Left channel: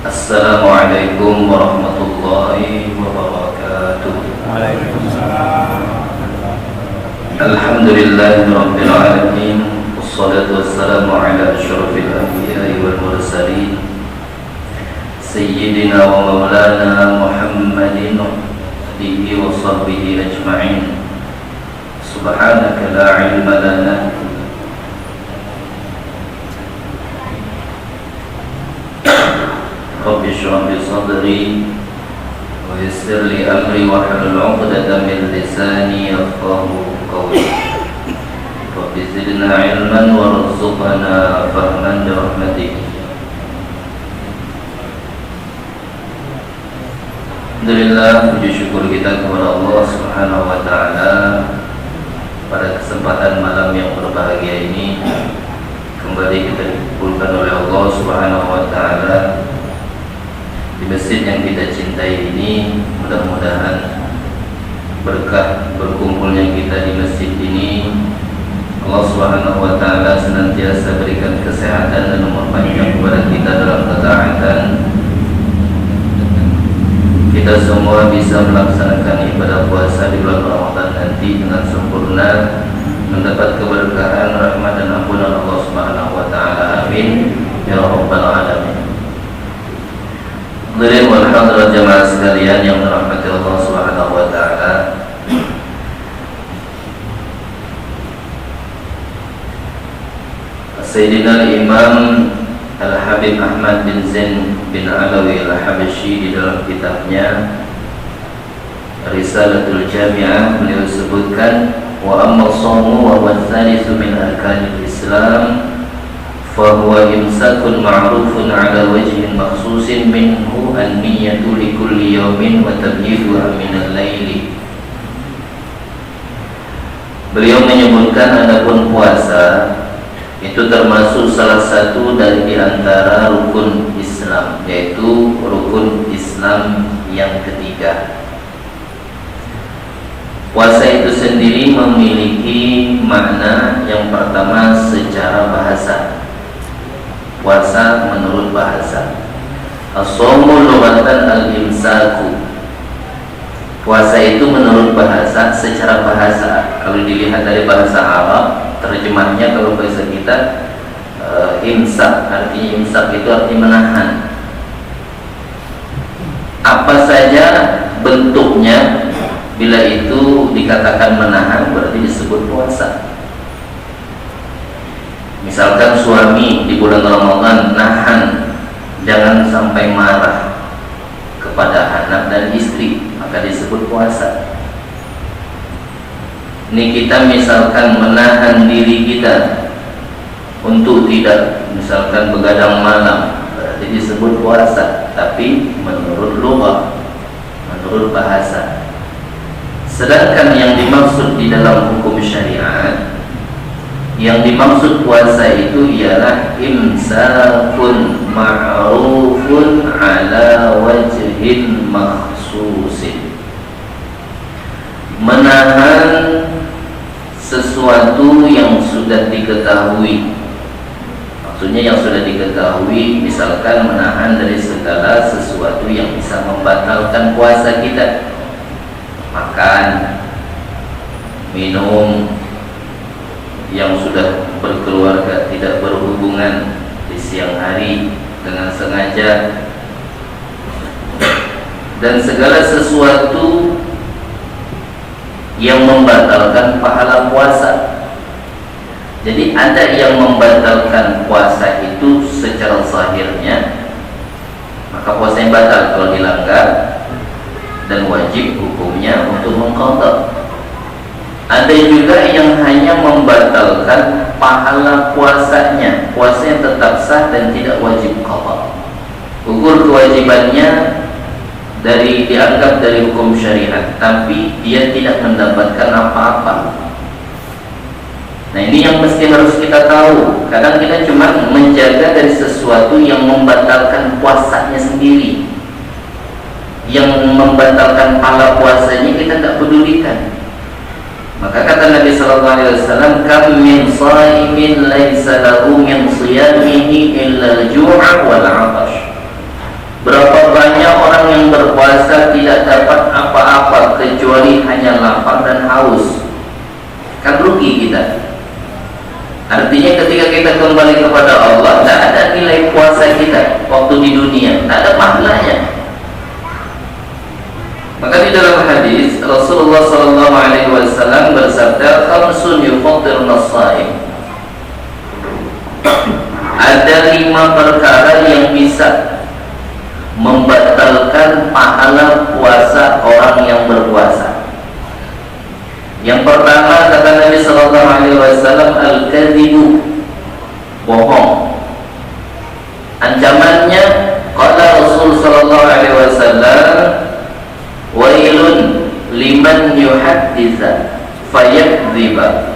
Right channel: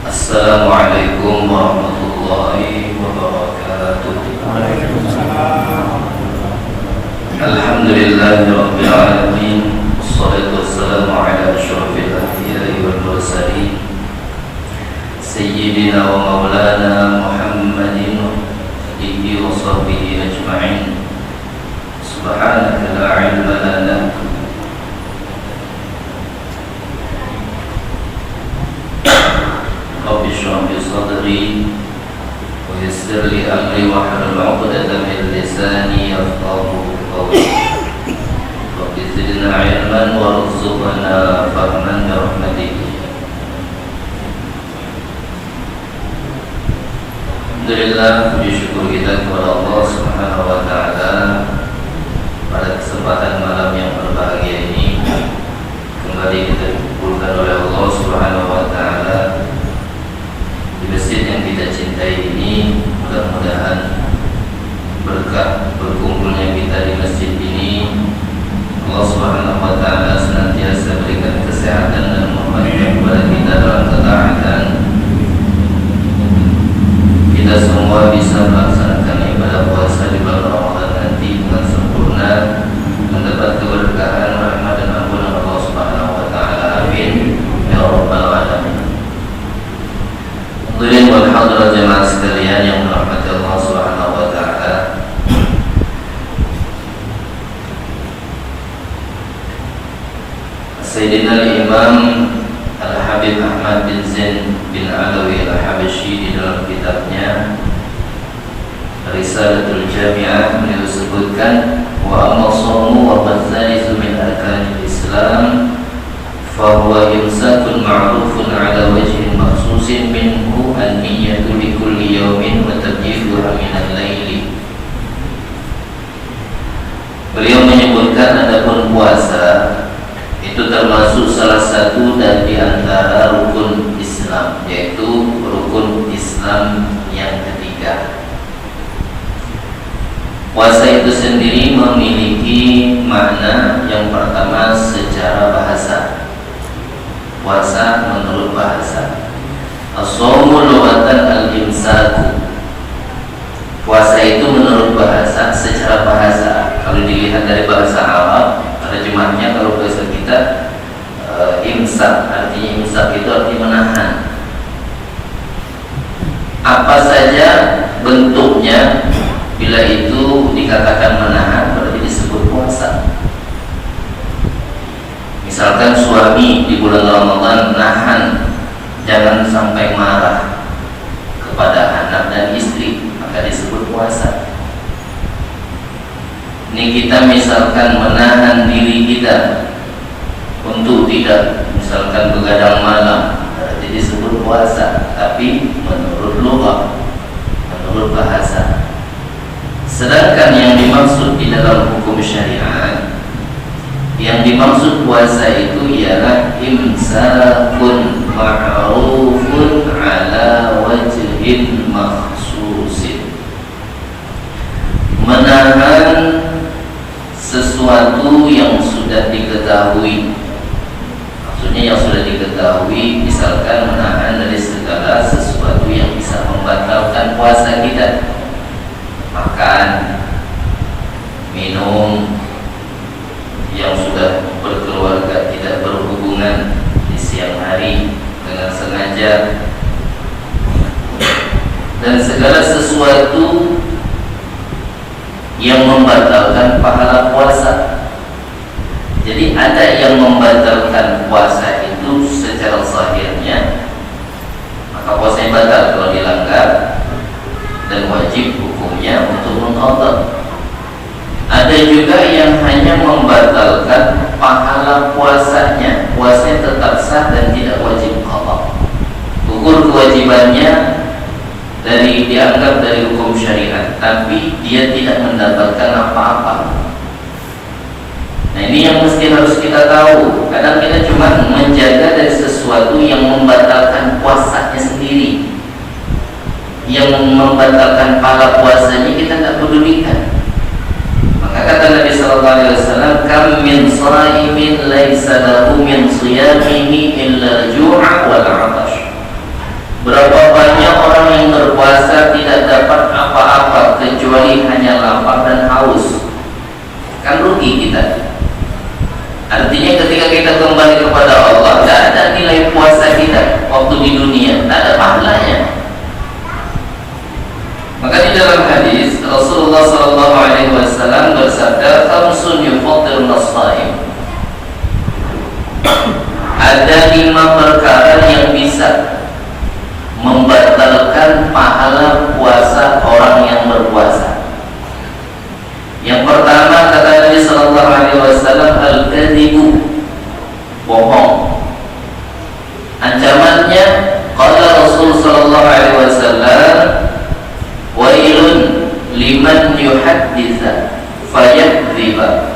Assalamualaikum warahmatullahi wabarakatuh. Waalaikumsalam. Alhamdulillahirabbil alamin. Wassalatu wassalamu ala asyrafil anbiya'i wal mursalin sayyidina wa maulana Muhammadin wa alihi wa sahbihi ajma'in. Subhanaka la ilma lana Rabbi shrah li sadri wa yassir li amri wahlul 'uqdatam min lisani yafqahu qawli. Rabbi zidna 'ilman warzuqna fahman bi rahmatik. Alhamdulillah, puji syukur kita kepada Allah Subhanahu wa taala pada kesempatan malam yang berbahagia ini kembali kita dikumpulkan oleh Allah Subhanahu wa taala di masjid yang kita cintai ini. Mudah-mudahan berkah berkumpulnya kita di masjid ini Allah Subhanahu wa taala senantiasa berikan kesehatan dan memperpanjang kepada kita dalam ketaatan. Kita semua bisa melaksanakan ibadah puasa di bulan Ramadan nanti dengan sempurna, mendapat keberkahan, rahmat dan ampunan Allah Subhanahu wa taala. Amin ya rabbal alamin. Hadirin wal hadirat jamaah sekalian yang dirahmati Allah Subhanahu wa taala. Sayyidina Imam Al-Habib Ahmad bin Zain bin Alawi Al-Habasyi di dalam kitabnya Risalatul Jami'ah beliau sebutkan wa amma shamu wa wathalithu min arkanil Islam fa huwa imsakun ma'rufun ala wajhin makhsusin minhu an-niyyatu li kulli yawmin wa tabyiduha min al-laili. Beliau menyebutkan adapun puasa itu termasuk salah satu dari antara rukun Islam, yaitu rukun Islam yang ketiga. Puasa itu sendiri memiliki makna yang pertama secara bahasa. Puasa menurut bahasa, as-shaumu lughatan al-imsaku. Puasa itu menurut bahasa, secara bahasa. Kalau dilihat dari bahasa Arab, terjemahnya kalau bahasa kita imsak, artinya imsak itu artinya menahan. Apa saja bentuknya, bila itu dikatakan menahan berarti disebut puasa. Misalkan suami di bulan Ramadan nahan jangan sampai marah kepada anak dan istri, maka disebut puasa. Ini kita misalkan menahan diri kita untuk tidak misalkan begadang malam, berarti disebut puasa, tapi menurut lugah, menurut bahasa. Sedangkan yang dimaksud di dalam hukum syariat, yang dimaksud puasa itu ialah imsakun ma'rufun ala wajhin makhsusin, menahan sesuatu yang sudah diketahui. Maksudnya yang sudah diketahui, misalkan menahan dari segala sesuatu yang bisa membatalkan puasa kita. Makan, minum, yang sudah berkeluarga tidak berhubungan di siang hari dengan sengaja, dan segala sesuatu yang membatalkan pahala puasa. Jadi ada yang membatalkan puasa itu secara zahirnya, maka puasanya batal kalau dilanggar dan wajib hukumnya untuk mengqadha. Ada juga yang hanya membatalkan pahala puasanya, puasanya tetap sah dan tidak wajib qadha. Ukur kewajibannya dianggap dari hukum syariat, tapi dia tidak mendapatkan apa-apa. Nah, ini yang mesti harus kita tahu. Kadang kita cuma menjaga dari sesuatu yang membatalkan puasanya sendiri, yang membatalkan pahala puasanya kita tidak pedulikan. Maka kata Nabi sallallahu alaihi wasallam, "Kam min shaimin laisa lahu min shiyamihi illa al-ju'a wal 'atash." Berapa banyak orang yang berpuasa tidak dapat apa-apa kecuali hanya lapar dan haus. Kan rugi kita. Artinya ketika kita kembali kepada Allah, tidak ada nilai puasa kita waktu di dunia, tidak ada pahalanya. Maka di dalam hadis Rasulullah SAW bersabda, "Khamsun yufṭirun as-shā'im." Ada 5 perkara yang bisa membatalkan pahala puasa orang yang berpuasa. Yang pertama kata Nabi sallallahu alaihi wasallam, al-kadzibu, bohong. Ancamannya qala Rasul sallallahu alaihi wasallam, wailun liman yuhadditsa fayakdziba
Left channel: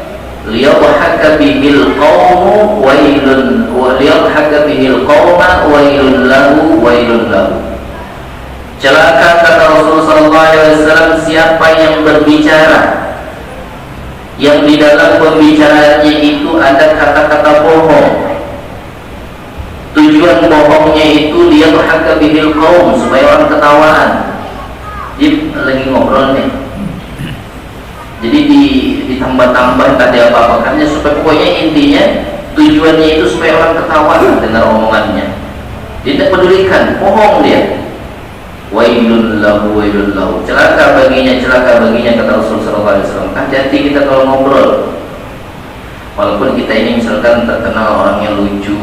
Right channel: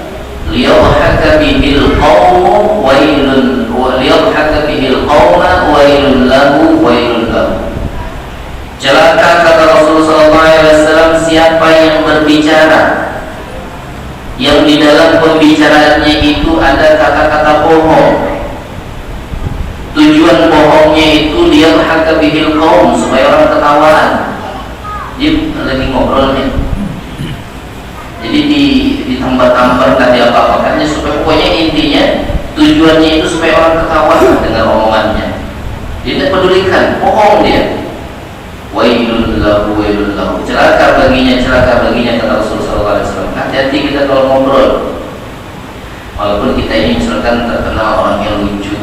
liyadhhaka bihil qawmu wailun wa liyadhhaka bihil qawma wailun lahu wailun lahu. Celaka kata Rasul sallallahu alaihi wasallam siapa yang berbicara yang di dalam pembicaraannya itu ada kata-kata bohong. Tujuan bohongnya itu liyadhhaka bihil qawm, supaya orang ketawaan. Dia lagi ngobrol nih, jadi ditambah-tambah kata apa-apanya supaya pokoknya intinya tujuannya itu supaya orang ketawa dengan omongannya. Dia tidak pedulikan, bohong dia. Wailun lahu wailun lahu, celaka baginya kata Rasulullah SAW. Hati-hati kita kalau ngobrol, walaupun kita ini misalkan terkenal orang yang lucu,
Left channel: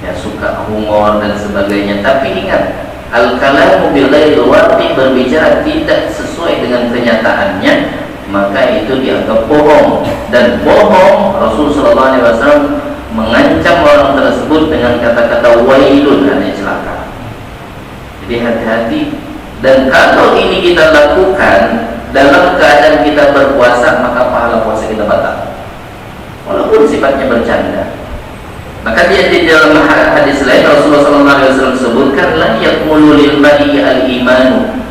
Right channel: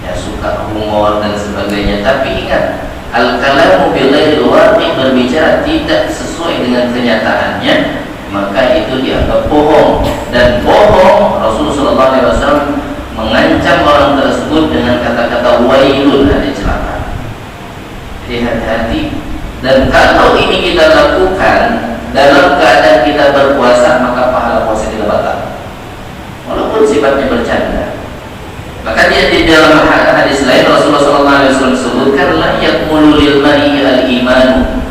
ya suka humor dan sebagainya, tapi ingat, al-kalamu bighairil waqi', berbicara tidak sesuai dengan kenyataannya, maka itu dianggap bohong. Dan bohong, Rasulullah SAW mengancam orang tersebut dengan kata-kata wailun, dan celaka. Jadi hati-hati. Dan kalau ini kita lakukan dalam keadaan kita berpuasa, maka pahala puasa kita batal, walaupun sifatnya bercanda. Maka dia di dalam hadis lain Rasulullah SAW sebutkan, la yakmulu lil mar'i al-imanu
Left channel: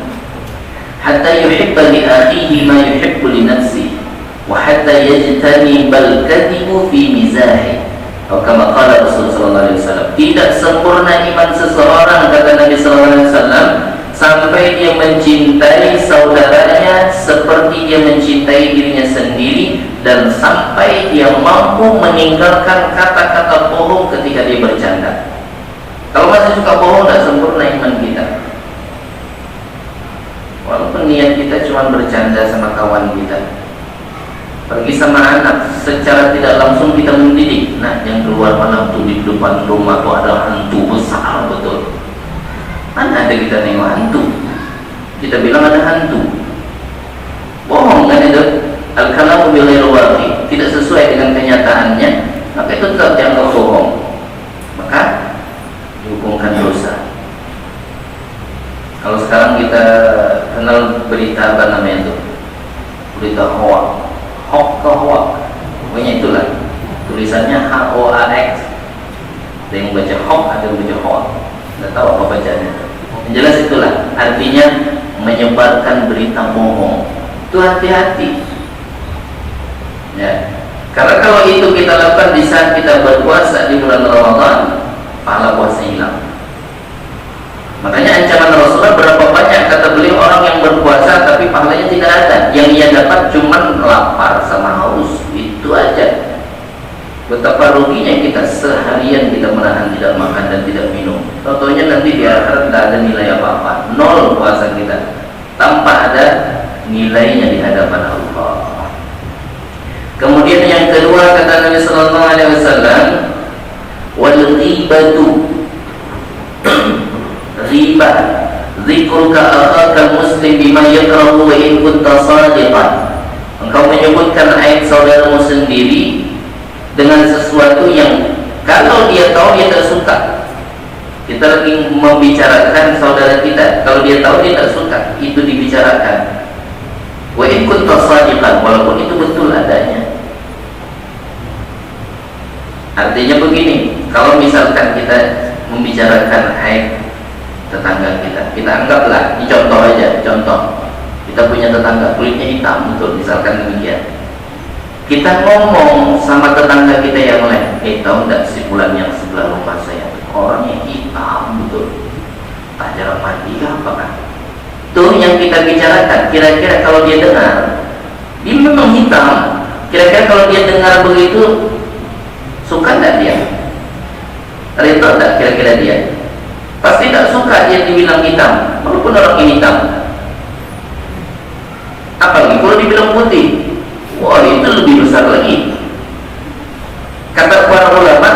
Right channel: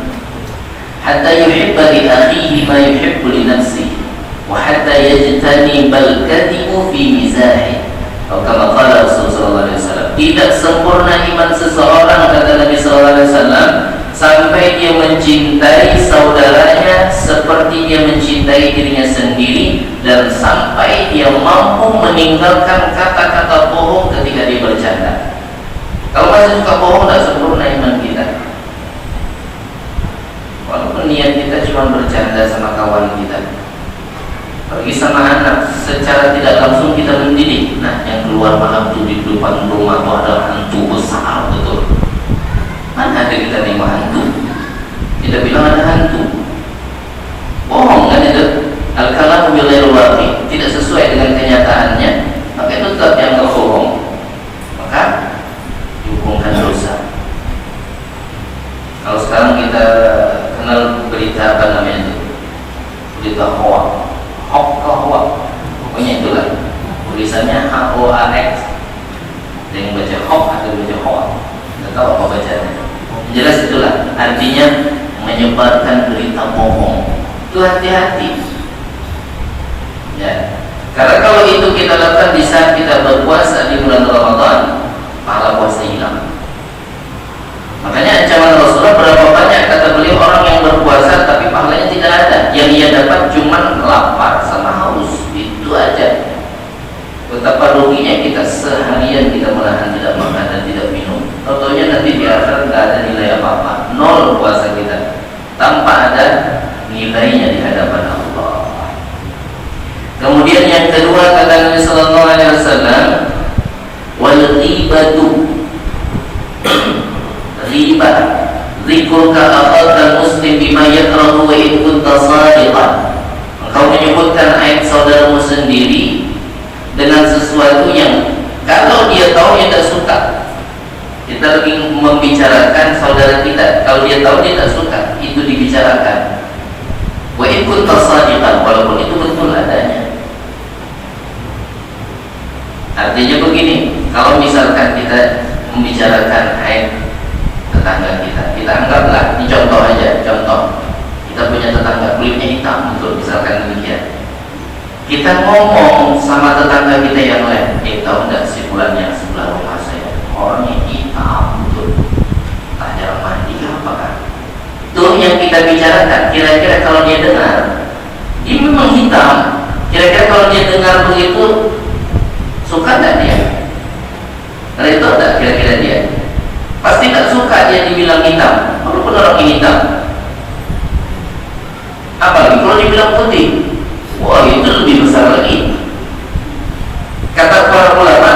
hatta yuhibba li akhihi ma yuhibbu li nafsihi wa hatta yajtanibal kadhibu fi mizahi. Atau kama qala Rasulullah SAW, tidak sempurna iman seseorang kata Nabi SAW sampai dia mencintai saudaranya seperti dia mencintai dirinya sendiri, dan sampai dia mampu meninggalkan kata-kata bohong ketika dia bercanda. Kalau masih suka bohong, tidak sempurna iman kita. Walaupun niat kita cuma bercanda sama kawan kita, pergi sama anak, secara tidak langsung kita mendidik. Nah, yang keluar malam tuh di depan rumah tuh ada hantu besar betul. Mana ada kita nengok hantu, kita bilang ada hantu. Bohong kan itu. Al-kalamu bighairil waqi', tidak sesuai dengan kenyataannya, maka itu tetap dianggap bohong, maka dihukumkan dosa. Kalau sekarang kita kenal berita apa namanya itu, berita hoax, pokoknya itulah tulisannya HOAX. Ada yang baca hoax, ada yang baca hoax, nggak tahu apa bacanya. Yang jelas itulah artinya menyebarkan berita bohong. Itu hati-hati. Ya, karena kalau itu kita lakukan di saat kita berpuasa di bulan Ramadan, pahala puasa hilang. Makanya ancaman Rasulullah, berapa banyak kata beliau orang yang berpuasa tapi pahalanya tidak ada, yang ia dapat cuma lapar sama haus, itu aja. Betapa ruginya kita seharian kita menahan tidak makan dan tidak minum, contohnya nanti di akhirat tidak ada nilai apa-apa, nol puasa kita, tanpa ada nilainya di hadapan Allah. Kemudian yang kedua kata Nabi Sallallahu Alaihi Wasallam, wal ghibatu, ghibah, dzikruka akhaka muslim bima yakrahu wa in kunta shadiqan. Engkau menyebutkan aib saudaramu sendiri dengan sesuatu yang kalau dia tahu dia tak suka. Kita lagi membicarakan saudara kita, kalau dia tahu dia tak suka, itu dibicarakan. Wa in kunta shadiqan, walaupun itu betul adanya. Artinya begini, kalau misalkan kita membicarakan aib tetangga kita, kita anggaplah, ini contoh aja, contoh, kita punya tetangga kulitnya hitam, betul, misalkan demikian. Kita ngomong sama tetangga kita yang lain, tahu enggak si fulan yang sebelah rumah saya, orangnya hitam, betul. tuh yang kita bicarakan, kira-kira kalau dia dengar, dia memang hitam. Kira-kira kalau dia dengar begitu, suka nggak dia? Reda tak kira-kira dia? Pasti tak suka dia dibilang hitam, walaupun orang ini hitam. Apalagi kalau dibilang putih, wah itu lebih besar lagi. Kata para ulama,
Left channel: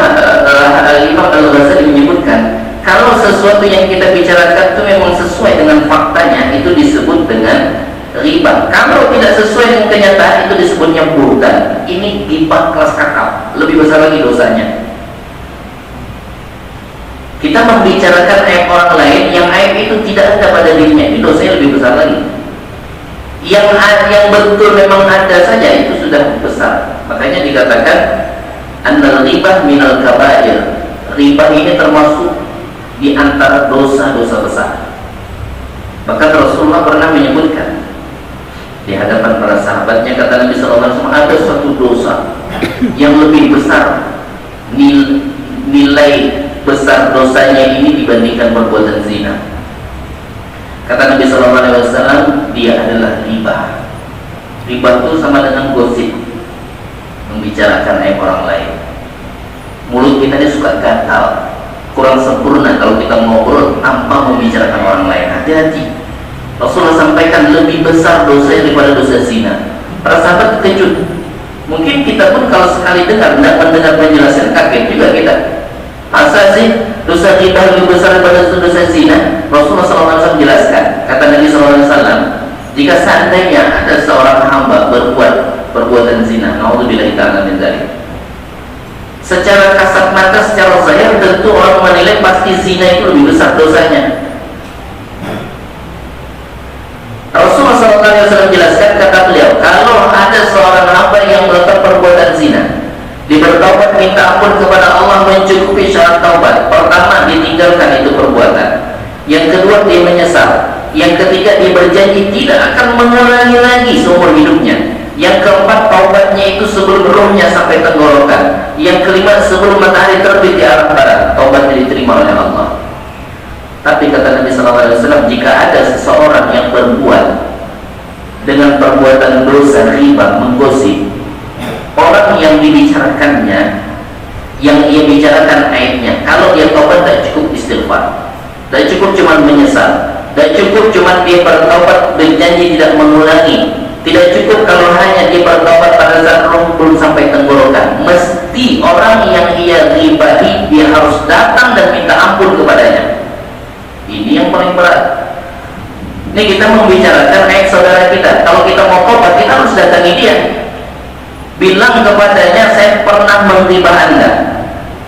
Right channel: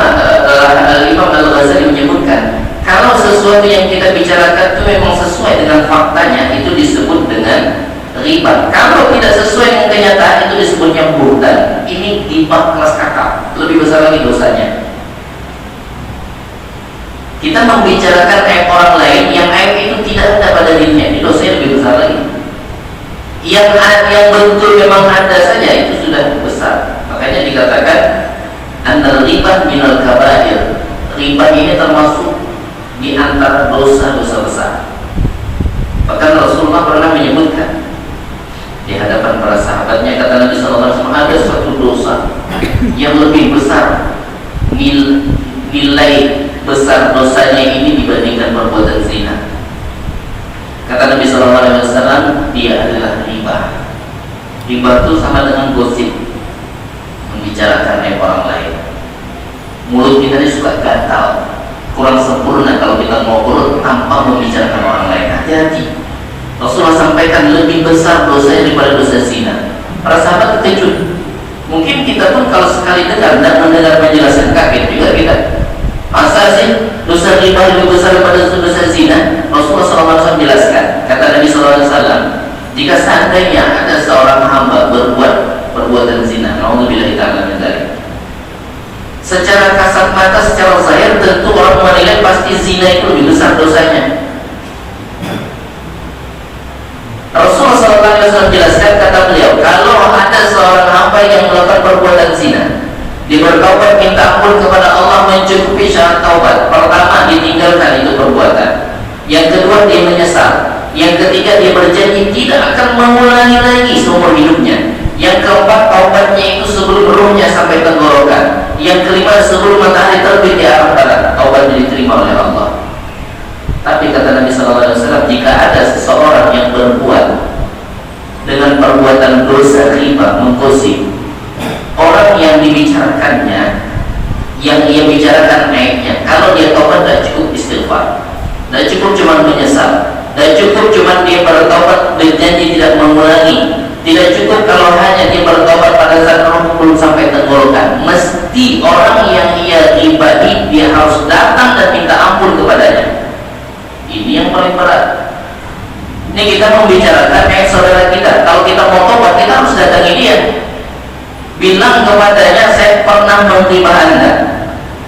Imam Al-Ghazali menyebutkan, kalau sesuatu yang kita bicarakan itu memang sesuai dengan faktanya, itu disebut dengan riba. Kalau tidak sesuai dengan kenyataan, itu disebutnya buhtan. Ini riba kelas kakap, lebih besar lagi dosanya. Kita membicarakan aib orang lain yang aib itu tidak ada pada dirinya, itu dosanya lebih besar lagi. Yang betul memang ada saja, itu sudah besar. Makanya dikatakan annal riba minal kabair. Riba ini termasuk di antara dosa-dosa besar. Bahkan Rasulullah pernah menyebutkan di hadapan para sahabatnya, kata Nabi SAW, ada suatu dosa yang lebih besar, nilai besar dosanya ini dibandingkan perbuatan zina. Kata Nabi SAW, dia adalah riba. Riba itu sama dengan gosip, membicarakan aib orang lain. Mulut kita ini suka gatal, kurang sempurna kalau kita ngobrol tanpa membicarakan orang lain. Hati-hati. Rasulullah sampaikan lebih besar dosanya daripada dosa zina. Para sahabat terkejut. Mungkin kita pun kalau sekali dengar dan mendengar penjelasan, kaget juga kita. Masa sih dosa riba lebih besar daripada dosa zina? Rasulullah SAW jelaskan. Kata Nabi SAW, jika seandainya ada seorang hamba berbuat perbuatan zina, naudzubillahi ta'ala min dzalik, secara kasat mata, secara zahir tentu orang menilai pasti zina itu lebih besar dosanya. Rasulullah SAW jelaskan, kata beliau, kalau ada seorang hamba yang melakukan perbuatan zina, dia bertaubat minta ampun kepada Allah, mencukupi syarat taubat. Pertama, ditinggalkan itu perbuatan. Yang kedua, dia menyesal. Yang ketiga, dia berjanji tidak akan mengulangi lagi seumur hidupnya. Yang keempat, taubatnya itu sebelum ruhnya sampai tenggorokan. Yang kelima, sebelum matahari terbit di arah barat, taubatnya diterima oleh Allah. Tapi kata Nabi SAW, jika ada seseorang yang berbuat dengan perbuatan dosa riba, menggosip, orang yang dibicarakannya, yang ia bicarakan aibnya, kalau dia taubat tidak cukup istighfar, tidak cukup cuma menyesal, tidak cukup cuma dia bertaubat berjanji tidak mengulangi, tidak cukup kalau hanya dia bertaubat pada saat roh belum sampai tenggorokan. Mesti orang yang ia ribai, dia harus datang dan minta ampun kepadanya. Ini yang paling berat. Ini kita membicarakan aib saudara kita. Kalau kita mau taubat, kita harus datangi dia, bilang kepadanya, saya pernah menghina Anda.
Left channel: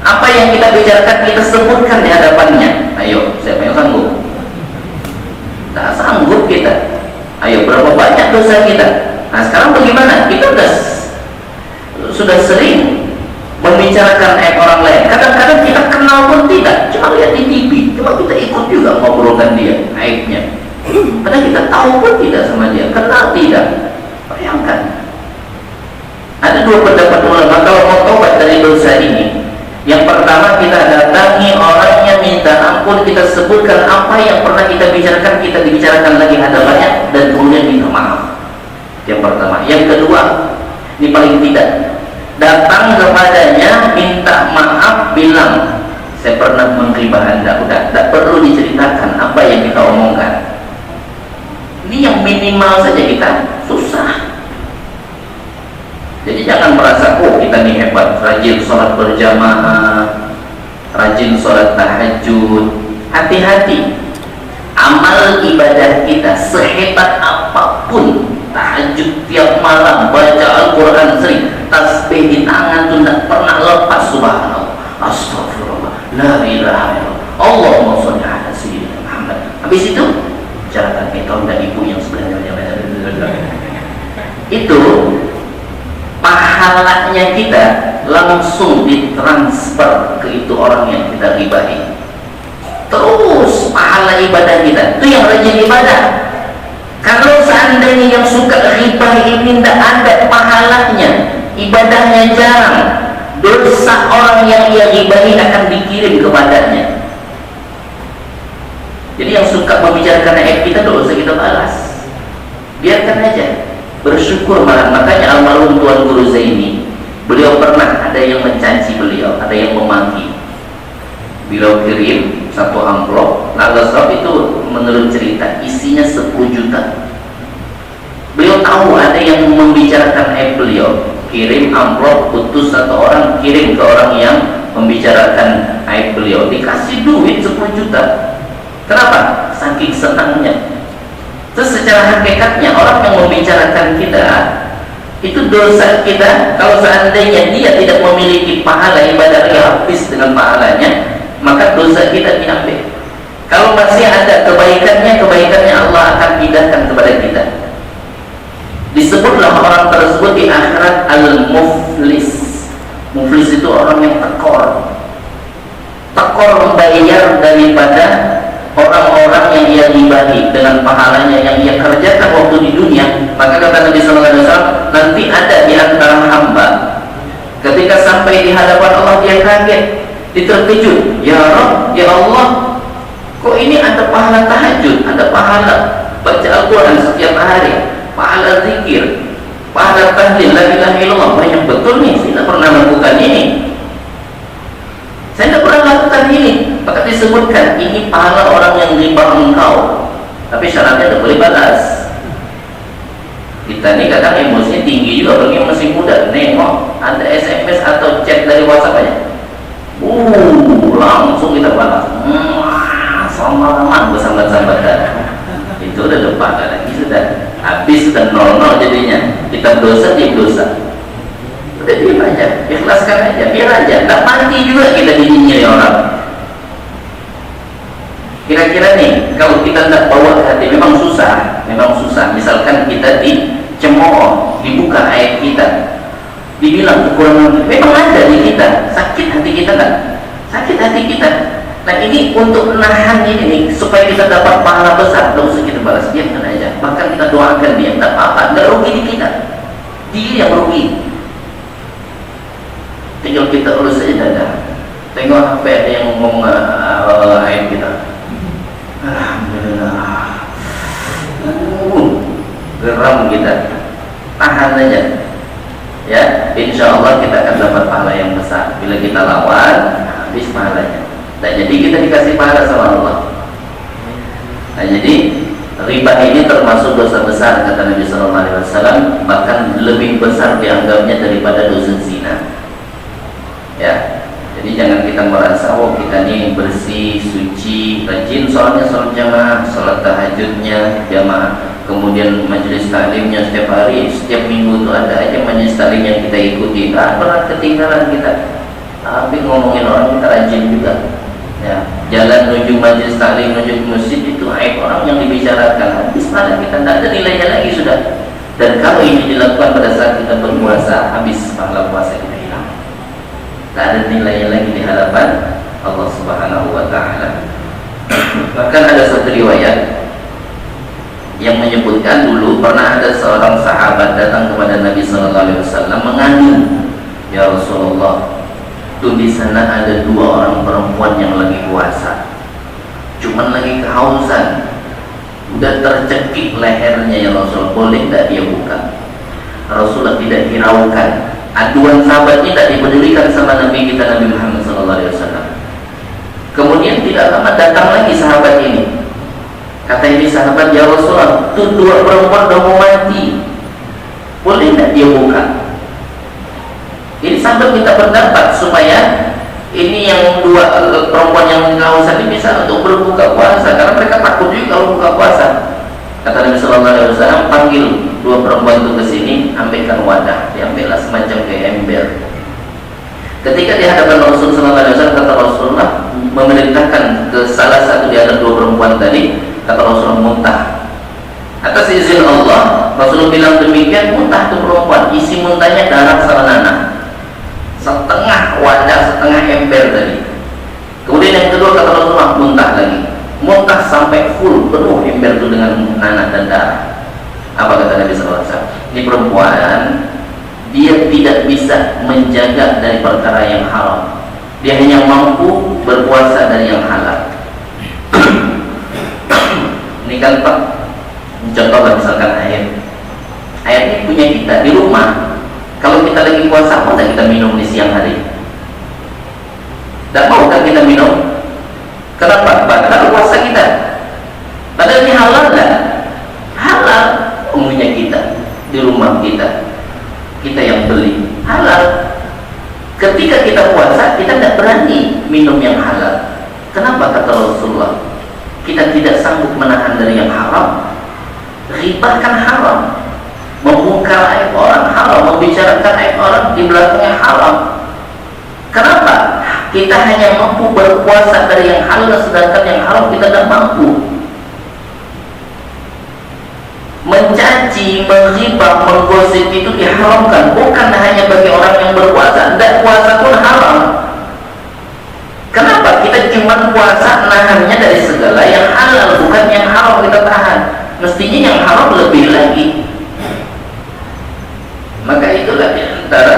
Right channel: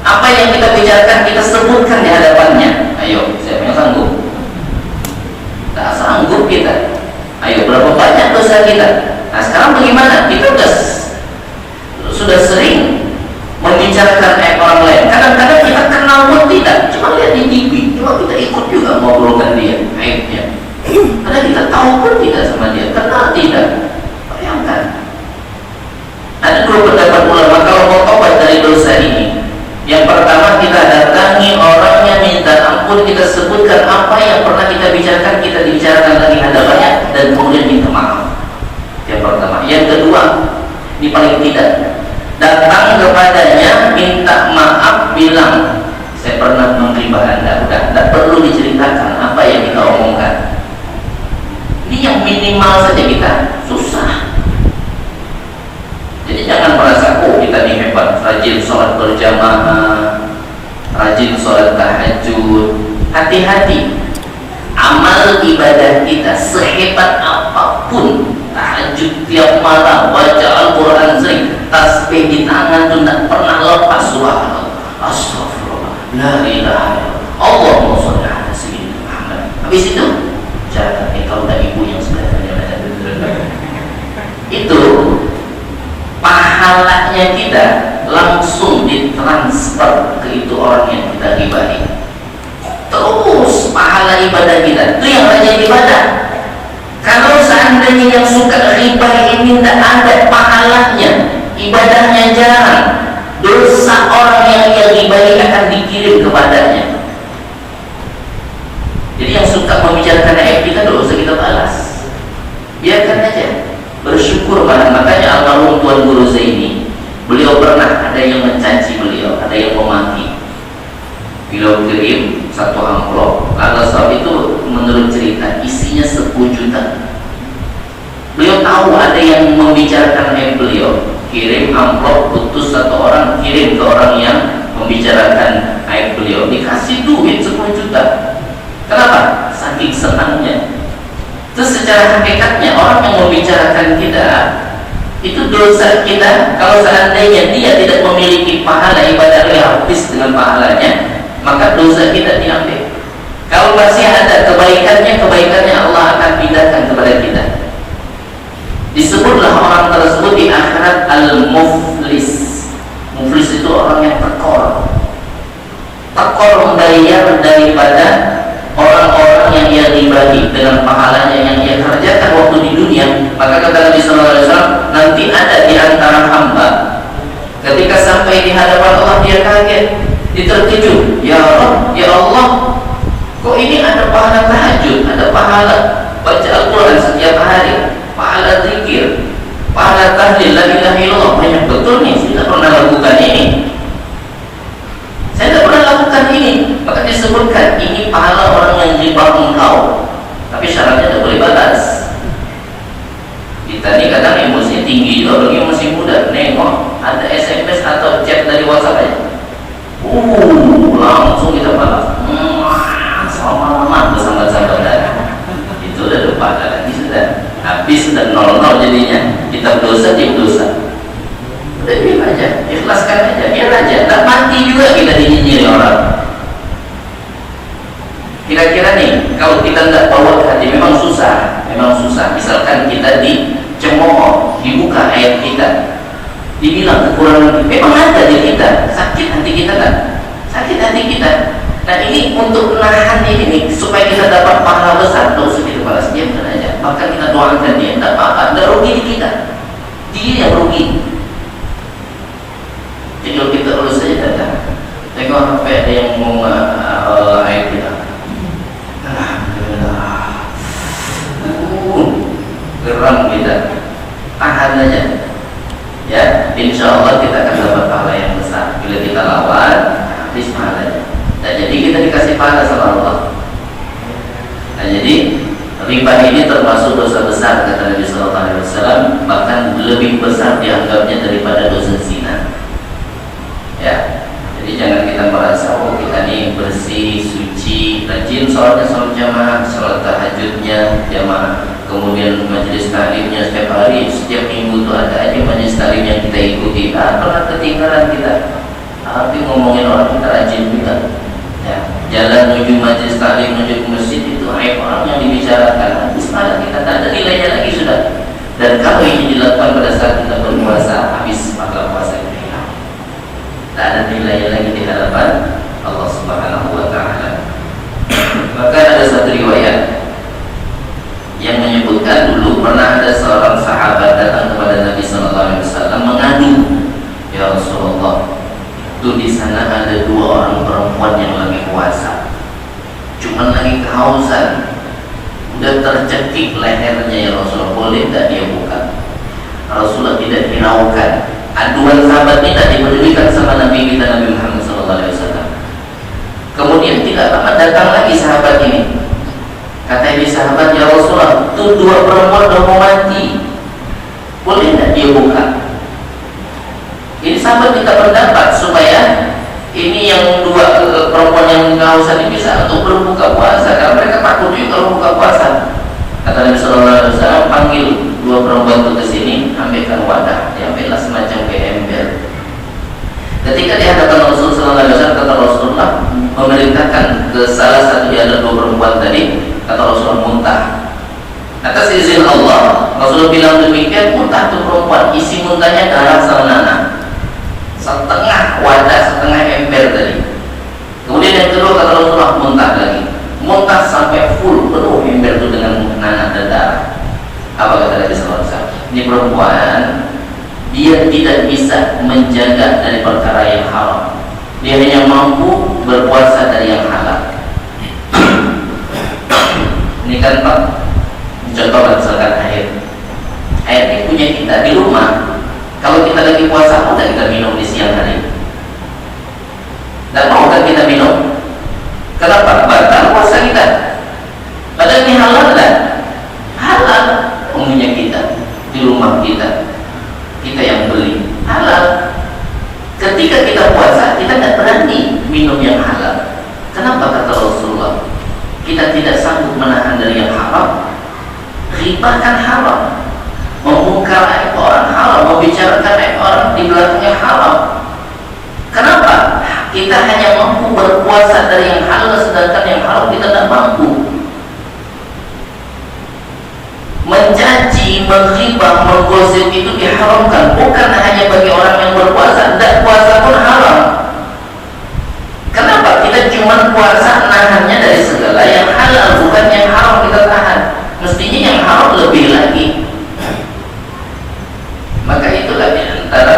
Apa yang kita bicarakan, kita sebutkan di hadapannya. Ayo, siapa yang sanggup? Tak sanggup kita. Ayo, berapa banyak dosa kita? Nah sekarang bagaimana? Kita sudah sering membicarakan aib orang lain. Kadang-kadang kita kenal pun tidak, cuma lihat di TV, cuma kita ikut juga ngobrolkan dia aibnya. Padahal kita tahu pun tidak sama dia, kenal tidak. Bayangkan. Ada dua pendapat ulama kalau mau tobat dari dosa ini. Yang pertama, kita datangi orangnya, minta ampun, kita sebutkan apa yang pernah kita bicarakan, kita dibicarakan lagi hadapannya, dan kemudian minta maaf. Yang pertama. Yang kedua, ini paling tidak, datang kepadanya, minta maaf, bilang, saya pernah menghina Anda. Udah, tidak perlu diceritakan apa yang kita omongkan. Ini yang minimal saja, kita susah. Jadi jangan merasa, oh kita nih hebat, rajin sholat berjamaah, rajin sholat tahajud. Hati-hati, amal ibadah kita sehebat apapun, tahajud tiap malam, baca Al-Quran sering, tasbih di tangan itu tidak pernah lepas. Subhanallah, astagfirullah, la ilaha illallah, Allahumma sholli ala sayyidina Muhammad. Habis itu, jangan kita udah ibu yang sebenarnya itu pahalanya kita langsung ditransfer ke itu orang yang kita ribahi. Terus pahala ibadah kita itu yang rajin ibadah. Kalau seandainya yang suka riba ini tidak ada pahalanya, ibadahnya jarang, dosa orang yang ia ribahi akan dikirim kepadanya. Jadi yang suka membicarakan aib kita tidak usah kita balas, biarkan aja, bersyukur malah. Makanya almarhum Tuan Guru Zaini, beliau pernah ada yang mencaci beliau, ada yang memaki. Beliau kirim satu amplop, sebab itu menurut cerita isinya 10 juta. Beliau tahu ada yang membicarakan aib beliau, kirim amplop, putus satu orang, kirim ke orang yang membicarakan aib beliau, dikasih duit 10 juta. Kenapa? Saking senangnya. Terus secara hakikatnya orang yang membicarakan kita itu dosa kita. Kalau seandainya dia tidak memiliki pahala ibadah yang habis dengan pahalanya, maka dosa kita diambil. Kalau masih ada kebaikannya Allah akan pindahkan kepada kita. Disebutlah orang tersebut di akhirat al-muflis. Muflis itu orang yang tekor membayar daripada orang-orang yang ia dibagi dengan pahalanya yang ia kerjakan waktu di dunia. Maka kata Nabi SAW, nanti ada di antara hamba ketika sampai di hadapan Allah dia kaget, dia terkejut, ya Rabb, ya Allah, kok ini ada pahala tahajud, ada pahala baca Al-Quran setiap hari, pahala zikir, pahala tahlil, la ilaha illallah, banyak betul nih, saya tidak pernah lakukan ini, saya tidak pernah lakukan ini. Maka disebutkan ini pahala orang yang riba engkau, tapi syaratnya tidak boleh batas. Kita ini kadang emosi tinggi juga, bagi masih muda, nengok ada SMS atau chat dari WhatsApp aja, langsung kita balas, selamat bersambat-sambatan. Itu udah lupa lagi, sudah habis, sudah nol jadinya. Kita dosa, dia dosa. Udah diam aja, ikhlaskan aja, biar aja. Tak mati juga kita dinyinyiri orang. Kira-kira nih, kalau kita tidak bawa hati, memang susah. Misalkan kita dicemooh, dibuka ayat kita, dibilang kekurangan kita, memang ada di kita, sakit hati kita kan, sakit hati kita. Nah ini untuk menahan ini nih, supaya kita dapat pahala besar, tidak usah kita balas, diamkan aja. Maka kita doakan dia, tak apa-apa, tidak rugi di kita, dia yang rugi. Tinggal kita urus saja datang, tengok apa ada yang mau ayat kita, alhamdulillah, geram kita, tahan aja. Ya, insya Allah kita akan dapat pahala yang besar. Bila kita lawan, habis pahalanya. Nah, jadi kita dikasih pahala sama Allah. Nah, jadi riba ini termasuk dosa besar kata Nabi SAW, bahkan lebih besar dianggapnya daripada dosa zina. Ya, jadi jangan kita merasa kita ini bersih, suci, rajin sholatnya, sholat jamaah, sholat tahajudnya jamaah, kemudian majelis taklimnya setiap hari, setiap minggu itu ada aja majelis taklim yang kita ikuti, tak pernah ketinggalan kita. Tapi ngomongin orang kita rajin juga. Ya, jalan menuju majelis taklim, menuju ke masjid itu aib orang yang dibicarakan, habis malah kita tak ada nilainya lagi sudah. Dan kalau ini dilakukan pada saat kita berpuasa, habis pahala puasa kita hilang, tak ada nilainya lagi di hadapan Allah Subhanahu wa Ta'ala. Bahkan ada satu riwayat yang menyebutkan dulu pernah ada seorang sahabat datang kepada Nabi SAW mengadu, ya Rasulullah, tuh di sana ada 2 orang perempuan yang lagi puasa, cuman lagi kehausan, udah tercekik lehernya, ya Rasulullah, boleh tak dia buka? Rasulullah tidak hiraukan. Aduan sahabat ini tak diberikan sama Nabi kita, Nabi Muhammad SAW. Kemudian tidak lama datang lagi sahabat ini. Kata ini sahabat, ya Rasulullah, itu 2 perempuan udah mau mati, boleh tak dia buka? Ini sahabat minta pendapat supaya ini yang 2 perempuan yang kehausan ini bisa untuk berbuka puasa, karena mereka takut juga kalau buka puasa. Kata Nabi SAW, panggil 2 perempuan itu ke sini, ambilkan wadah, diambillah semacam kayak ember. Ketika di hadapan Rasulullah SAW, kata Rasulullah memerintahkan ke salah satu di antara 2 perempuan tadi, kata Rasulullah muntah. Atas izin Allah, Rasulullah bilang demikian, muntah tuh perempuan, isi muntahnya darah sama nanah, setengah wadah, setengah ember tadi. Kemudian yang kedua kata Rasulullah muntah lagi, muntah sampai full, penuh ember itu dengan nanah dan darah. Apa kata Nabi SAW? Ini perempuan, dia tidak bisa menjaga dari perkara yang haram, dia hanya mampu berpuasa dari yang halal. Ini kan Pak, contoh misalkan air ini punya kita di rumah. Kalau kita lagi puasa, mau tak kita minum di siang hari? Tak mau kan kita minum? Kenapa? Batal puasa kita. Padahal ini halal lah. Halal punya kita di rumah kita yang beli halal. Ketika kita puasa, kita tidak berani minum yang halal. Kenapa? Kata Rasulullah, kita tidak sanggup menahan dari yang haram. Riba kan haram, membongkar aib orang haram, membicarakan aib orang di belakangnya haram. Kenapa? Kita hanya mampu berpuasa dari yang halal, sedangkan yang haram kita tidak mampu. Mencaci, menghibah, menggosip itu diharamkan, bukan hanya bagi orang yang berpuasa. Tidak puasa pun haram. Kenapa? Kita cuma puasa nahannya dari segala yang halal, bukan yang haram kita tahan. Mestinya yang haram lebih lagi. Maka itulah di antara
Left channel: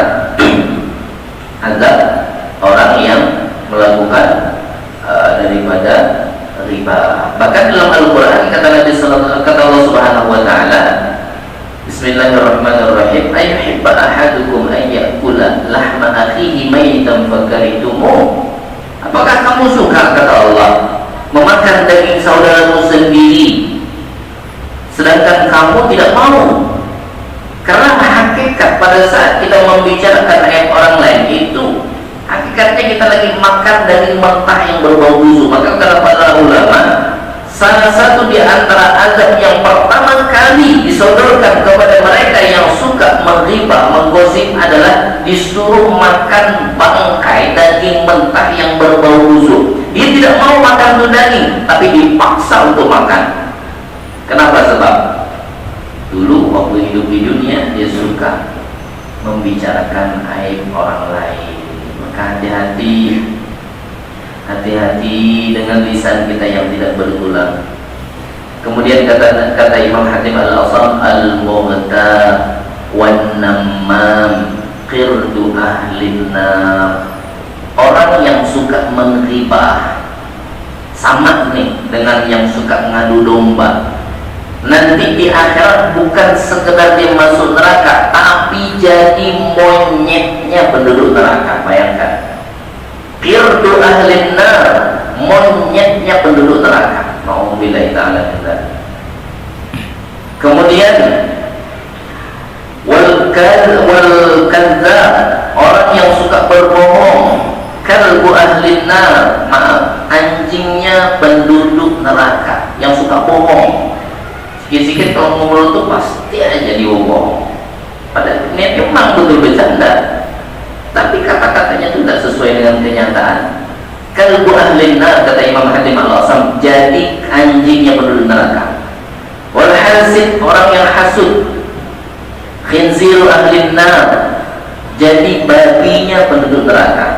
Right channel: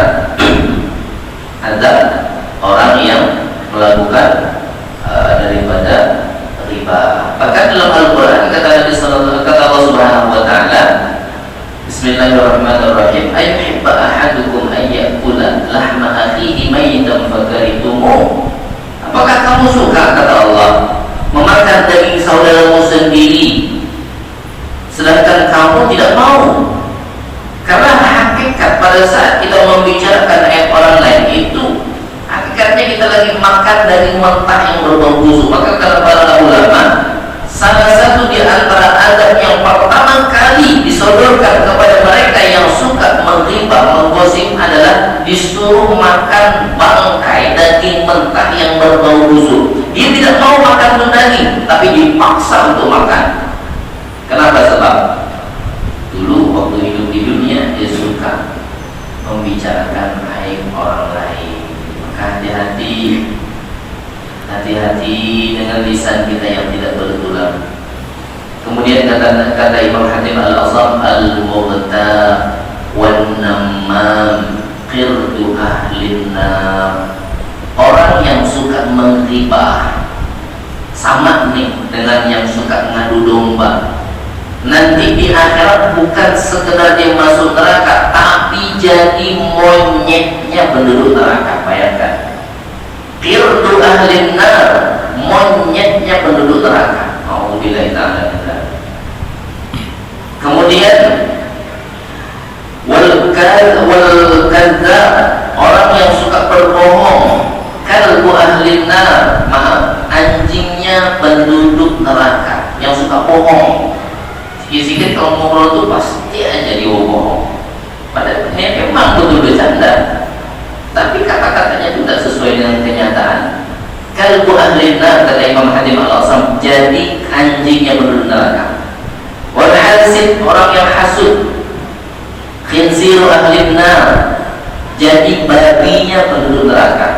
ada orang yang melakukan daripada riba. Bahkan dalam Al-Quran kata Allah Subhanahu wa Ta'ala, Bismillahirrahmanirrahim, ayyuhibba ahadukum an ya'kula lahma akhihi maytan fakarihtumuh. Apakah kamu suka, kata Allah, memakan daging saudaramu sendiri sedangkan kamu tidak mau? Karena hakikat pada saat kita membicarakan ayat orang lain itu, hakikatnya kita lagi makan daging mentah yang berbau busuk. Maka kata para ulama, salah satu di antara adab yang pertama kali disodorkan kepada mereka yang suka menghibah, menggosip adalah disuruh makan bangkai daging mentah yang berbau busuk. Dia tidak mau makan itu daging, tapi dipaksa untuk makan. Kenapa? Sebab dulu waktu hidup di dunia dia suka membicarakan aib orang lain. Hati-hati dengan lisan kita yang tidak bertulang. Kemudian kata Imam Hatim Al-Asam, al-mughta wan namam qirdu ahlin nar. Orang yang suka menghibah sama nih dengan yang suka ngadu domba. Nanti di akhirat bukan sekedar dia masuk neraka, tapi jadi monyetnya penduduk neraka. Bayangkan, qirdu ahlin nar, monyetnya penduduk neraka. Nauzubillahi ta'ala min dzalik. Kemudian wal kadzdzab, orang yang suka berbohong, kalbu ahlin nar, maaf, anjingnya penduduk neraka yang suka bohong. Sikit-sikit kalau ngobrol itu pasti aja dibohong. Padahal niatnya memang betul bercanda, tapi kata-katanya itu tidak sesuai dengan kenyataan. Kalbu ahlin nar, kata Imam Hatim Al-Asam, jadi anjingnya penduduk neraka. Wal hasid, orang yang hasud. Khinziru ahlin nar, jadi babinya penduduk neraka.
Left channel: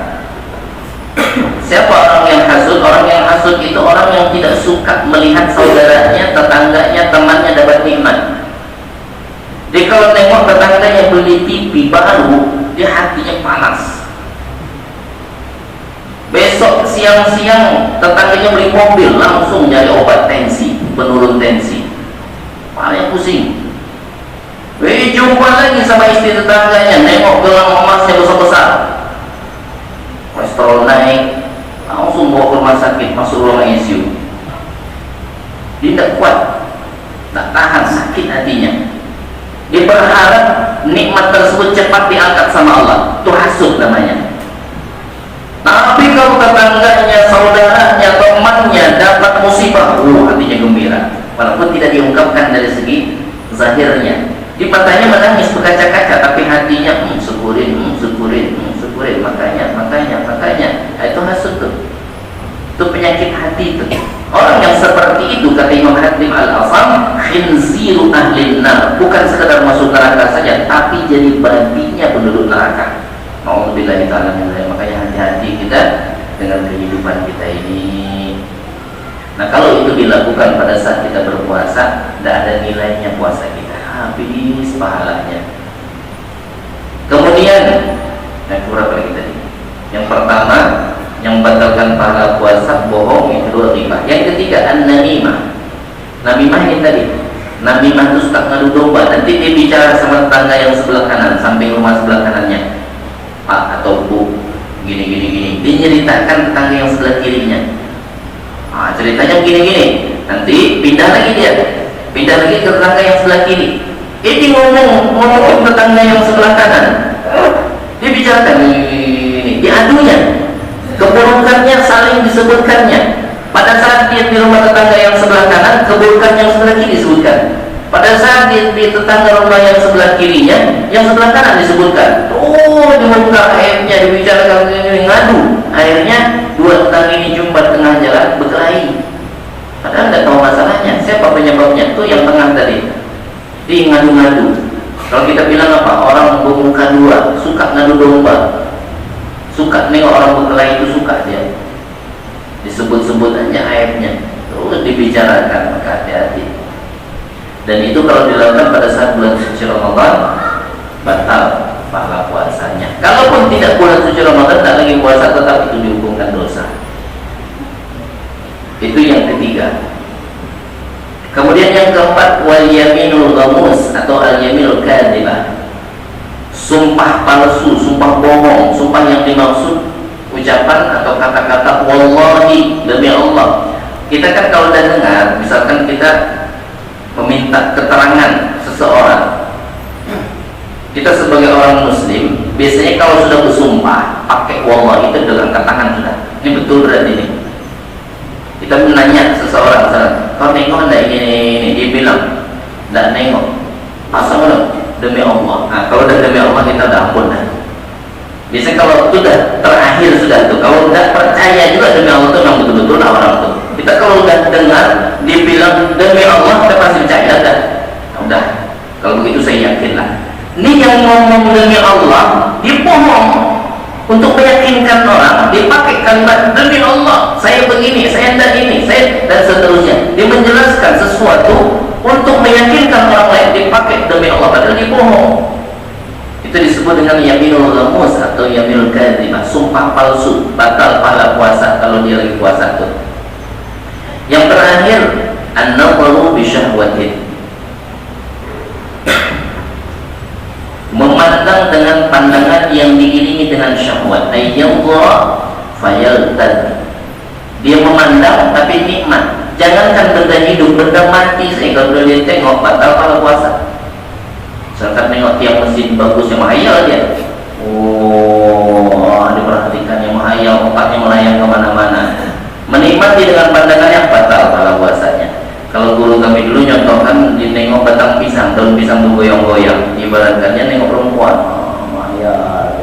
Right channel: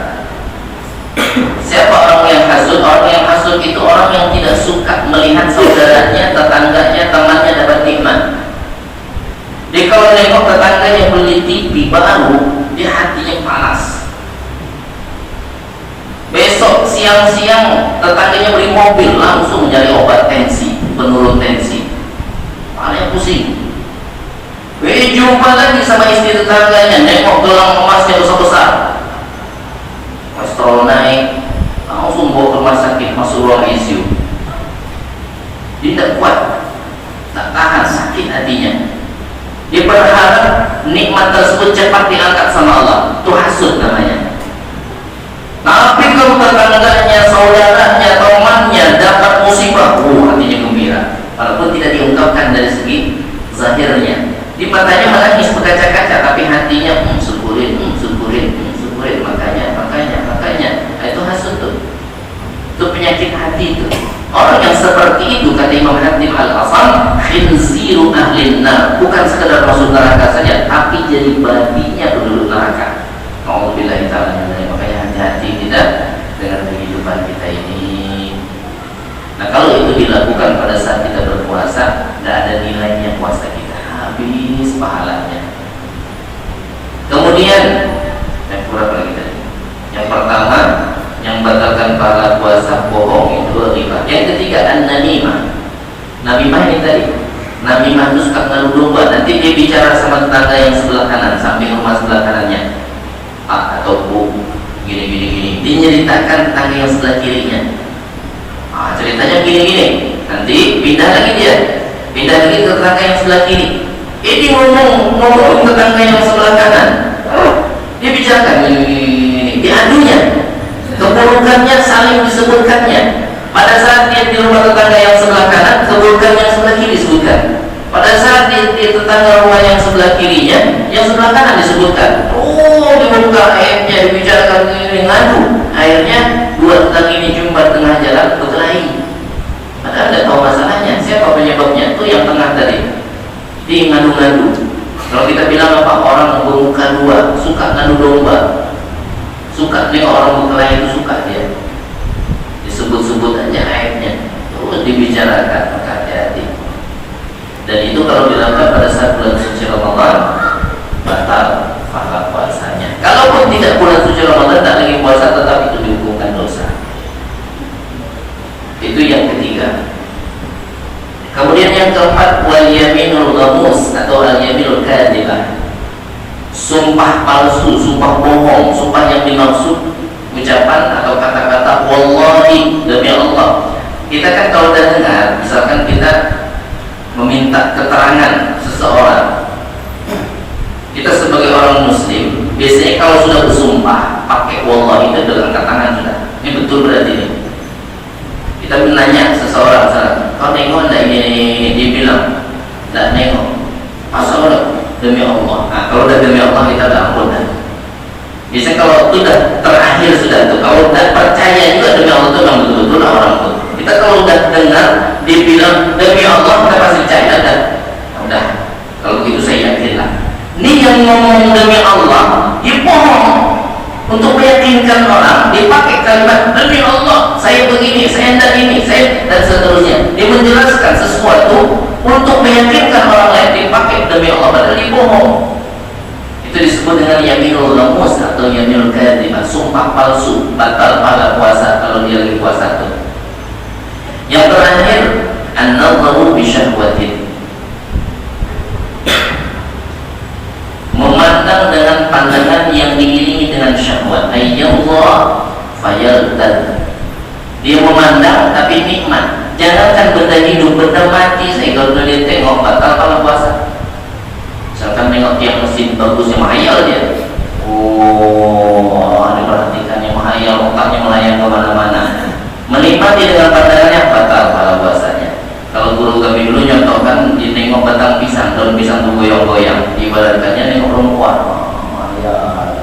Siapa orang yang hasud? Orang yang hasud itu orang yang tidak suka melihat saudaranya, tetangganya, temannya dapat nikmat. Dia kalau nengok tetangganya beli TV baru, dia hatinya panas. Besok siang-siang tetangganya beli mobil, langsung nyari obat tensi, penurun tensi. Malah yang pusing. Jumpa lagi sama istri tetangganya, nengok gelang emasnya besar-besar, kolesterol naik, langsung bawa ke rumah sakit, masuk ruang ICU. Dia tidak kuat, tak tahan, sakit hatinya. Dia berharap nikmat tersebut cepat diangkat sama Allah. Itu hasud namanya. Tapi kalau tetangganya, saudaranya, temannya dapat musibah, hatinya gembira, walaupun tidak diungkapkan dari segi zahirnya. Di matanya menangis berkaca-kaca, tapi hatinya syukurin. Makanya itu hasud tuh. Itu penyakit hati itu. Orang yang seperti itu, kata Imam Hatim Al-Asam, khinziru ahlin nar, bukan sekedar masuk neraka saja, tapi jadi babinya penduduk neraka. Nauzubillahi ta'ala min dzalik. Makanya hati-hati kita dengan kehidupan kita ini. Nah, kalau itu dilakukan pada saat kita berpuasa, tidak ada nilainya puasa kita, habis pahalanya. Kemudian kurang lagi tadi. Yang pertama, yang membatalkan pahala puasa, bohong, itu riba. Yang ketiga, an-namimah. Namimah ini tadi, namimah itu suka ngadu domba. Nanti dia bicara sama tetangga yang sebelah kanan, samping rumah sebelah kanannya, Pak atau Bu, gini. Dia ceritakan tetangga yang sebelah kirinya. Ceritanya gini. Nanti pindah lagi ke tetangga yang sebelah kiri. Ini ngomong tetangga yang sebelah kanan. Dia bicarakan ini, diadunya, keburukannya saling disebutkannya. Pada saat dia di rumah tetangga yang sebelah kanan, keburukan yang sebelah kiri disebutkan. Pada saat di tetangga rumah yang sebelah kirinya, yang sebelah kanan disebutkan. Dibuka airnya, dibicarakan ini, ngadu. Akhirnya dua tetangga ini jumpa tengah jalan berkelahi. Padahal nggak tahu masalahnya. Siapa penyebabnya? Itu yang tengah tadi. Dia ngadu-ngadu. Kalau kita bilang apa? Orang bermuka dua, suka ngadu domba. Suka nih orang berkelahi itu suka dia. Disebut-sebut aja ayatnya, terus dibicarakan, maka hati-hati. Dan itu kalau dilakukan pada saat bulan suci Ramadan, batal pahala puasanya. Kalaupun tidak bulan suci Ramadan, tak lagi puasa, tetap itu dihukumkan dosa. Itu yang ketiga. Kemudian yang keempat, wal yaminul ghamus atau al yaminul kadhibah. Sumpah palsu, sumpah bohong, sumpah yang dimaksud ucapan atau kata-kata wallahi, demi Allah. Kita kan kalau udah dengar, misalkan kita meminta keterangan seseorang, kita sebagai orang muslim biasanya kalau sudah bersumpah pakai wallahi itu dengan tangan sudah. Ini betul berarti ini. Kita menanya seseorang, kau tengok enggak ini? Dia bilang enggak nengok. Pasal demi Allah. Nah, kalau udah demi Allah kita dah ampun dah. Biasanya kalau sudah terakhir sudah tuh, kalau tidak percaya juga demi Allah itu memang betul-betul lah orang tuh. Kita kalau udah dengar dia bilang demi Allah, kita pasti percaya dah. Udah, kalau begitu saya yakin lah. Ini yang ngomong demi Allah, dia bohong untuk meyakinkan orang. Dia pakai kalimat demi Allah, saya begini, saya tidak ini, saya dan seterusnya. Dia menjelaskan sesuatu untuk meyakinkan orang lain. Dia pakai demi Allah, padahal dia bohong. Itu disebut dengan yaminul ghamus atau yaminul kadhibah, sumpah palsu, batal pahala puasa kalau dia lagi puasa tuh. Yang terakhir, an-nadharu bi syahwatin, memandang dengan pandangan yang diiringi dengan syahwat. Ayyallah fayaltad, dia memandang tapi nikmat. Jangankan benda hidup, benda mati saya kalau dia tengok batal pahala puasa. Misalkan tengok tiang mesin bagus yang menghayal dia, diperhatikan yang menghayal, otaknya melayang kemana-mana, menikmati dengan pandangannya, batal kalau puasanya. Kalau guru kami dulu nyontohkan, dia nengok batang pisang, daun pisang itu goyang-goyang, ibaratkannya nengok perempuan,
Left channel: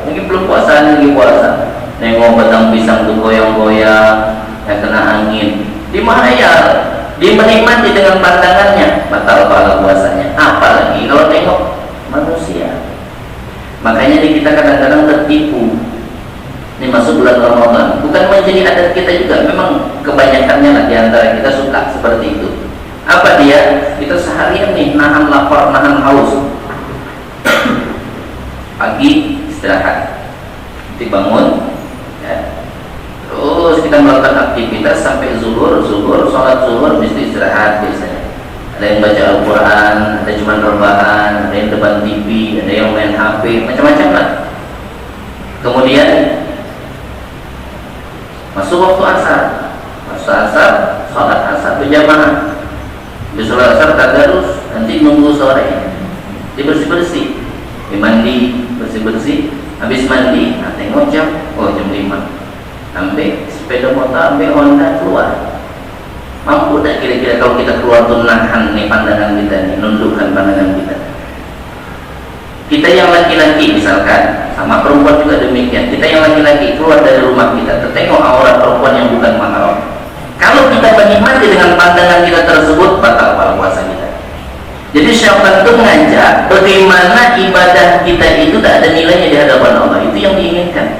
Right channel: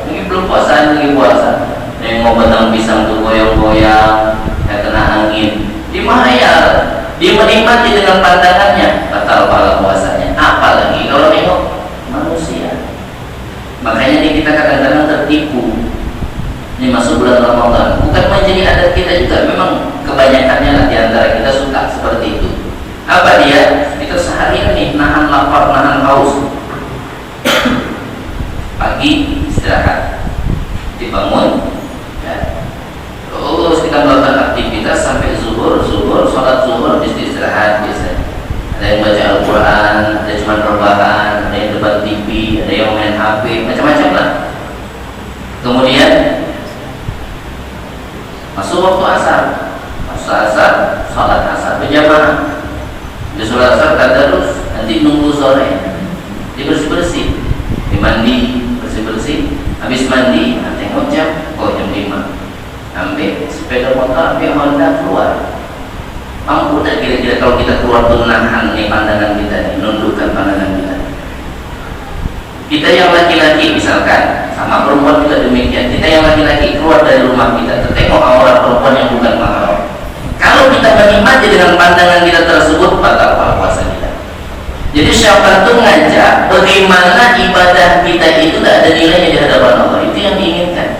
ini belum puasa, lagi puasa, nengok batang pisang itu goyang-goyang, yang kena angin, dia menghayal, dia menikmati dengan pandangannya, batal kalau puasanya. Apalagi kalau nengok manusia. Makanya kita kadang-kadang tertipu. Ini masuk bulan Ramadan, bukan menjadi adat kita juga, memang kebanyakannya lah di antara kita suka seperti itu. Apa dia? Kita seharian nih nahan lapar, nahan haus. Pagi istirahat, dibangun, ya. Terus kita melakukan aktivitas sampai zuhur, sholat zuhur, istirahat biasanya. Ada yang baca Al-Quran, ada cuma rebahan, ada yang depan TV, ada yang main HP, macam-macam lah. Kemudian masuk waktu asar, sholat asar berjamaah. Di sholat asar tadarus, nanti nunggu sore, dia bersih-bersih, mandi, bersih-bersih. Habis mandi, tengok jam, jam 5. Ambil sepeda motor, ambil Honda keluar. Mampu tak kira-kira kalau kita keluar tuh nahan nih pandangan kita nih, nundukkan pandangan kita. Kita yang laki-laki misalkan, sama perempuan juga demikian. Kita yang laki-laki keluar dari rumah kita, tertengok aurat perempuan yang bukan mahram. Kalau kita menikmati dengan pandangan kita tersebut, batal puasa kita. Jadi syaitan itu ngajak bagaimana ibadah kita itu tak ada nilainya di hadapan Allah. Itu yang diinginkan.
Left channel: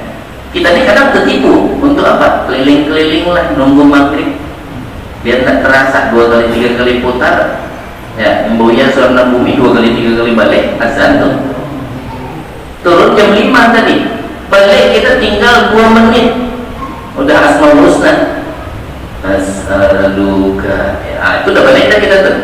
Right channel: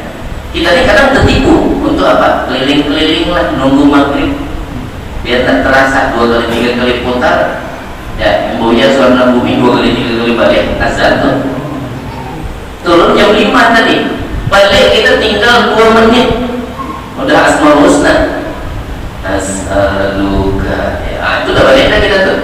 Kita ini kadang tertipu untuk apa? Keliling-keliling lah, nunggu maghrib. Biar tak terasa 2 kali 3 kali putar, ya emboya suara bumi 2 kali 3 kali balik azan tuh. Turun jam 5 tadi, balik kita tinggal 2 menit, udah asmaul husna, nas'aluka, itu udah balik dah kita tuh.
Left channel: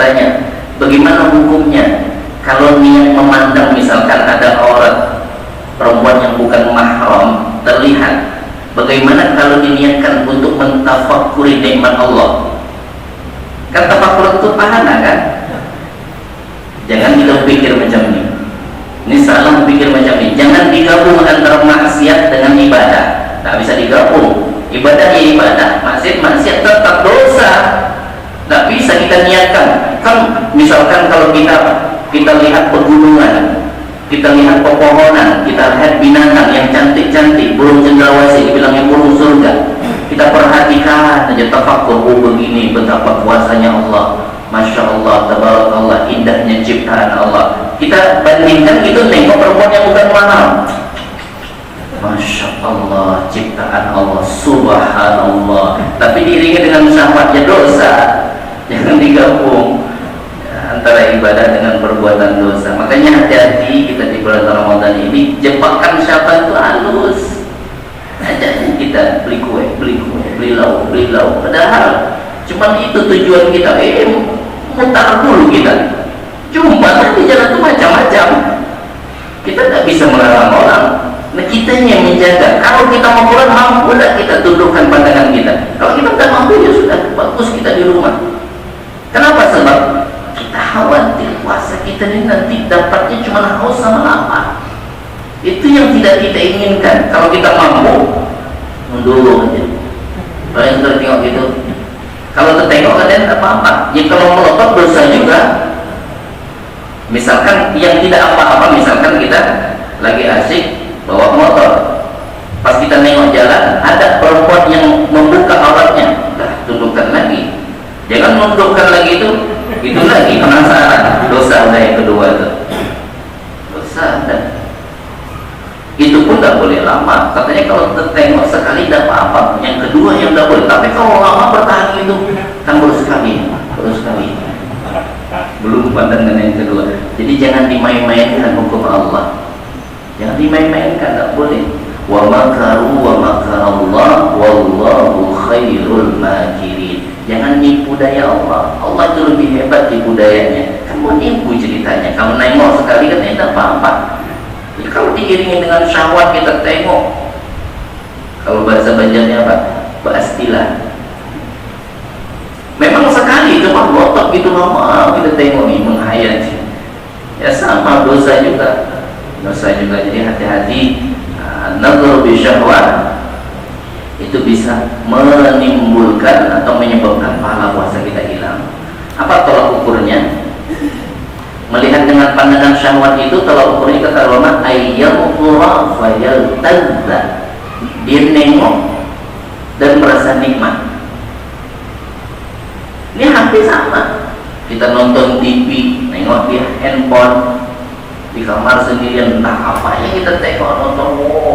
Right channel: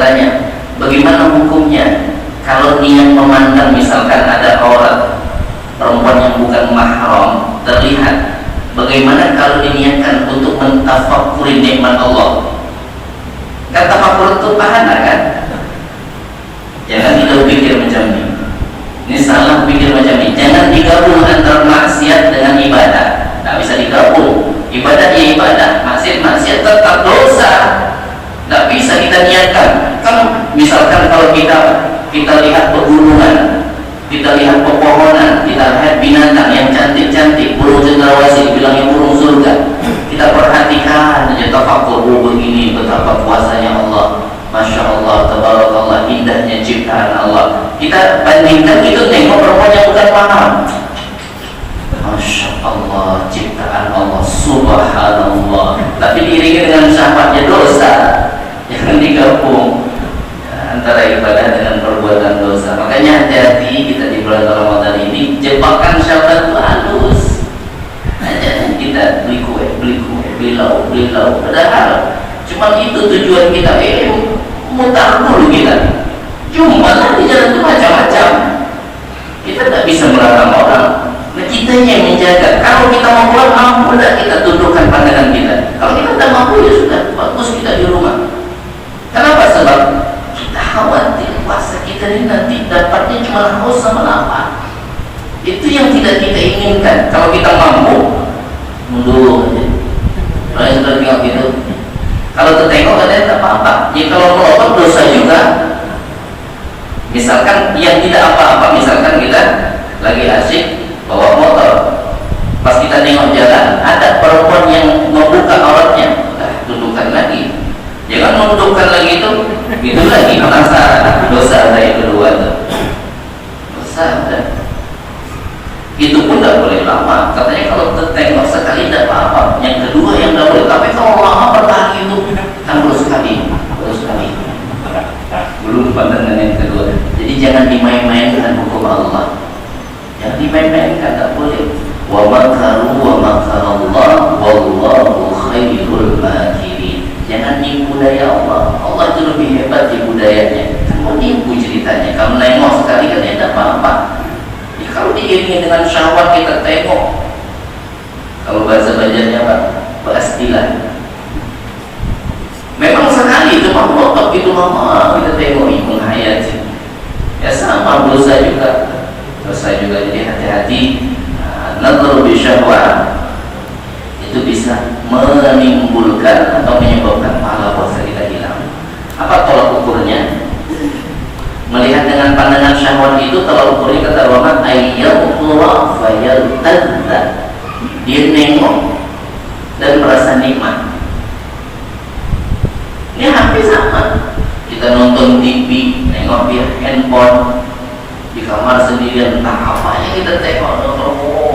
bertanya, bagaimana hukumnya kalau niat memandang misalkan ada orang perempuan yang bukan mahram terlihat, bagaimana kalau diniatkan untuk mentafakuri nikmat Allah? Kan tafakur itu pahala kan? Jangan kita pikir macam ini. Ini salah pikir macam ini. Jangan digabung antara maksiat dengan ibadah. Tak bisa digabung. Ibadah ya ibadah, maksiat tetap dosa. Tak bisa kita niatkan. Kan misalkan kalau kita lihat pegunungan, kita lihat pepohonan, kita lihat binatang yang cantik-cantik, burung cendrawasih dibilangnya burung surga. Kita perhatikan aja, tafakur, oh begini betapa kuasanya Allah, Masya Allah, tabarakallah, indahnya ciptaan Allah. Kita bandingkan itu tengok perempuan yang bukan mahal, Masya Allah, ciptaan Allah, Subhanallah, tapi diiringi dengan syahwatnya dosa. Jangan digabung antara ibadah dengan perbuatan dosa. Makanya hati-hati kita di bulan Ramadan ini, jebakan syahwat itu halus. Aja kita beli kue, beli lauk, padahal cuma itu tujuan kita. Mutar dulu kita. Cuma di jalan itu macam-macam. Kita tak bisa melarang orang. Nah, kita yang menjaga. Kalau kita mau pulang, mampu tak kita tundukkan pandangan kita. Kalau kita tidak mampu, ya sudah, bagus kita di rumah. Kenapa? Sebab kita khawatir puasa kita ini nanti dapatnya cuma haus sama lapar. Itu yang tidak kita inginkan. Kalau kita mampu, mundur aja. Kalau yang sudah tengok gitu, kalau tertengok katanya tak apa-apa. Jadi kalau melotot dosa juga. Misalkan yang tidak apa-apa, misalkan kita lagi asik bawa motor, pas kita nengok jalan ada perempuan yang membuka auratnya, tundukkan lagi. Jangan nundukkan lagi itu lagi penasaran. Dosa ada yang kedua tuh. Dosa ada. Itu pun tidak boleh lama. Katanya kalau tertengok sekali tidak apa-apa. Yang kedua yang tidak boleh. Tapi kalau lama bertahan itu kan baru sekali. Belum pandangan yang kedua. Jadi jangan dimain-mainkan hukum Allah. Jangan dimain-mainkan, tidak boleh. Wa makaru wa makarallah wallahu khairul makirin. Jangan nipu daya Allah. Allah itu lebih hebat tipu dayanya. Kamu nipu ceritanya. Kamu nengok sekali kan tidak apa-apa. Kalau diiringi dengan syahwat kita tengok, kalau bahasa Banjarnya Pak, pastilah. Memang sekali cuma melotot gitu lama kita tengok ini menghayati. Ya sama dosa juga. Jadi hati-hati. Nadhar bi syahwat itu bisa menimbulkan atau menyebabkan pahala puasa kita hilang. Apa tolak ukurnya? Melihat dengan pandangan syahwat itu, kalau ukurnya kata ulama ayyamullah fayaltadza, dia nengok dan merasa nikmat. Ini hampir sama. Kita nonton TV, nengok dia handphone di kamar sendirian, entah apa yang kita tengok nonton.